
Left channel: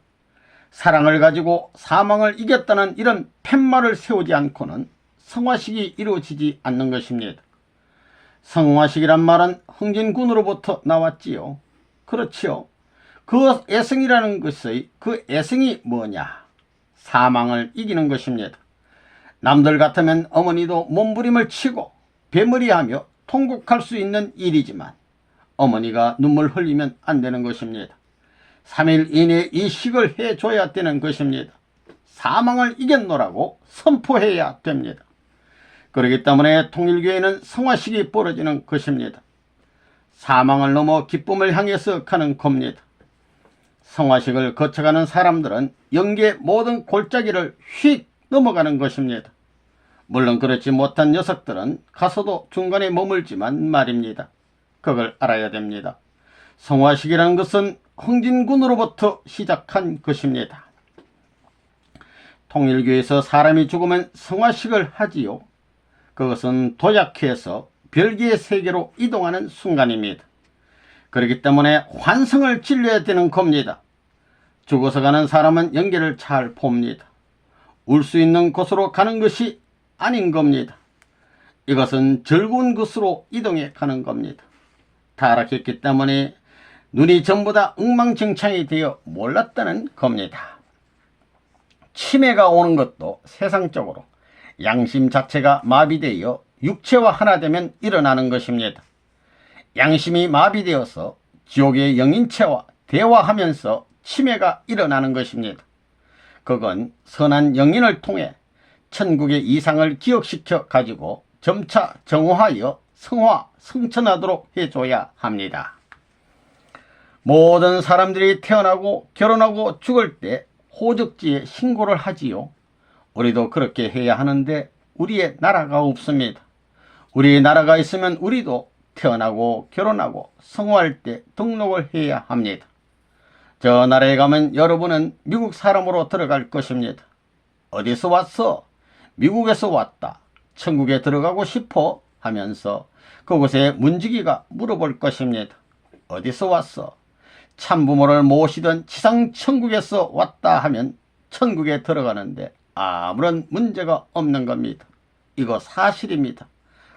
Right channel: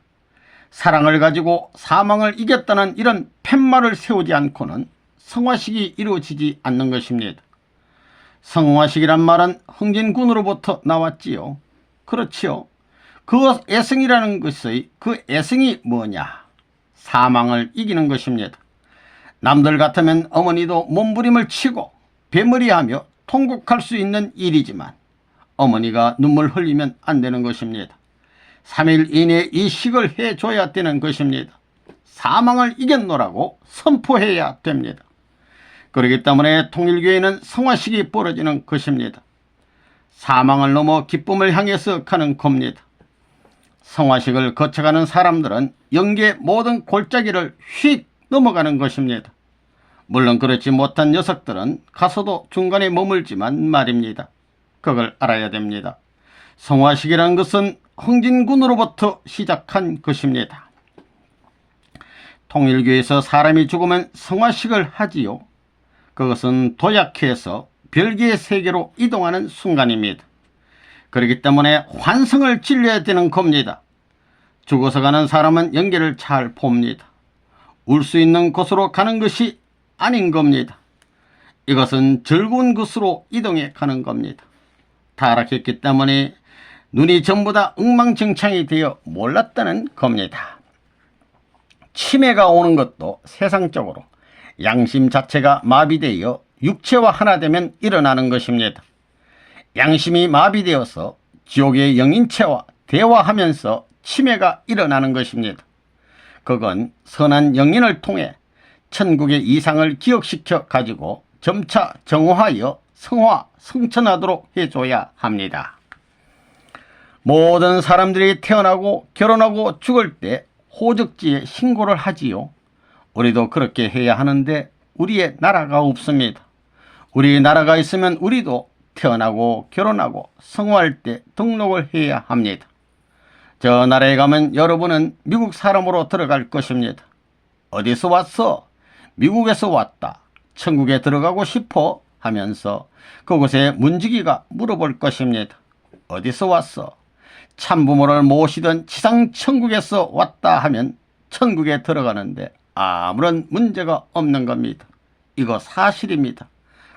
사랑을 가지고 사망을 이겼다는 이런 팻말을 세우지 않고는 성화식이 이루어지지 않는 것입니다. 성화식이란 말은 흥진군으로부터 나왔지요. 그렇지요. 그 애승이라는 것의 그 애승이 뭐냐? 사망을 이기는 것입니다. 남들 같으면 어머니도 몸부림을 치고 배머리하며 통곡할 수 있는 일이지만 어머니가 눈물 흘리면 안 되는 것입니다. 3일 이내에 이 식을 해줘야 되는 것입니다. 사망을 이겼노라고 선포해야 됩니다. 그렇기 때문에 통일교회는 성화식이 벌어지는 것입니다. 사망을 넘어 기쁨을 향해서 가는 겁니다. 성화식을 거쳐가는 사람들은 영계 모든 골짜기를 휙 넘어가는 것입니다. 물론 그렇지 못한 녀석들은 가서도 중간에 머물지만 말입니다. 그걸 알아야 됩니다. 성화식이라는 것은 흥진군으로부터 시작한 것입니다. 통일교에서 사람이 죽으면 성화식을 하지요. 그것은 도약해서 별개의 세계로 이동하는 순간입니다. 그렇기 때문에 환승을 진료해야 되는 겁니다. 죽어서 가는 사람은 영계를 잘 봅니다. 울 수 있는 곳으로 가는 것이 아닌 겁니다. 이것은 즐거운 곳으로 이동해 가는 겁니다. 타락했기 때문에 눈이 전부 다 엉망진창이 되어 몰랐다는 겁니다. 치매가 오는 것도 세상적으로 양심 자체가 마비되어 육체와 하나 되면 일어나는 것입니다. 양심이 마비되어서 지옥의 영인체와 대화하면서 치매가 일어나는 것입니다. 그건 선한 영인을 통해 천국의 이상을 기억시켜 가지고 점차 정화하여 성화, 성천하도록 해줘야 합니다. 모든 사람들이 태어나고 결혼하고 죽을 때 호적지에 신고를 하지요. 우리도 그렇게 해야 하는데 우리의 나라가 없습니다. 우리 나라가 있으면 우리도 태어나고 결혼하고 성화할 때 등록을 해야 합니다. 저 나라에 가면 여러분은 미국 사람으로 들어갈 것입니다. 어디서 왔어? 미국에서 왔다. 천국에 들어가고 싶어? 하면서 그곳에 문지기가 물어볼 것입니다. 어디서 왔어? 참부모를 모시던 지상천국에서 왔다 하면 천국에 들어가는데 아무런 문제가 없는 겁니다. 이거 사실입니다.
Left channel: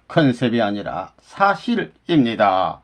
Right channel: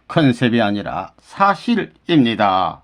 컨셉이 아니라 사실입니다.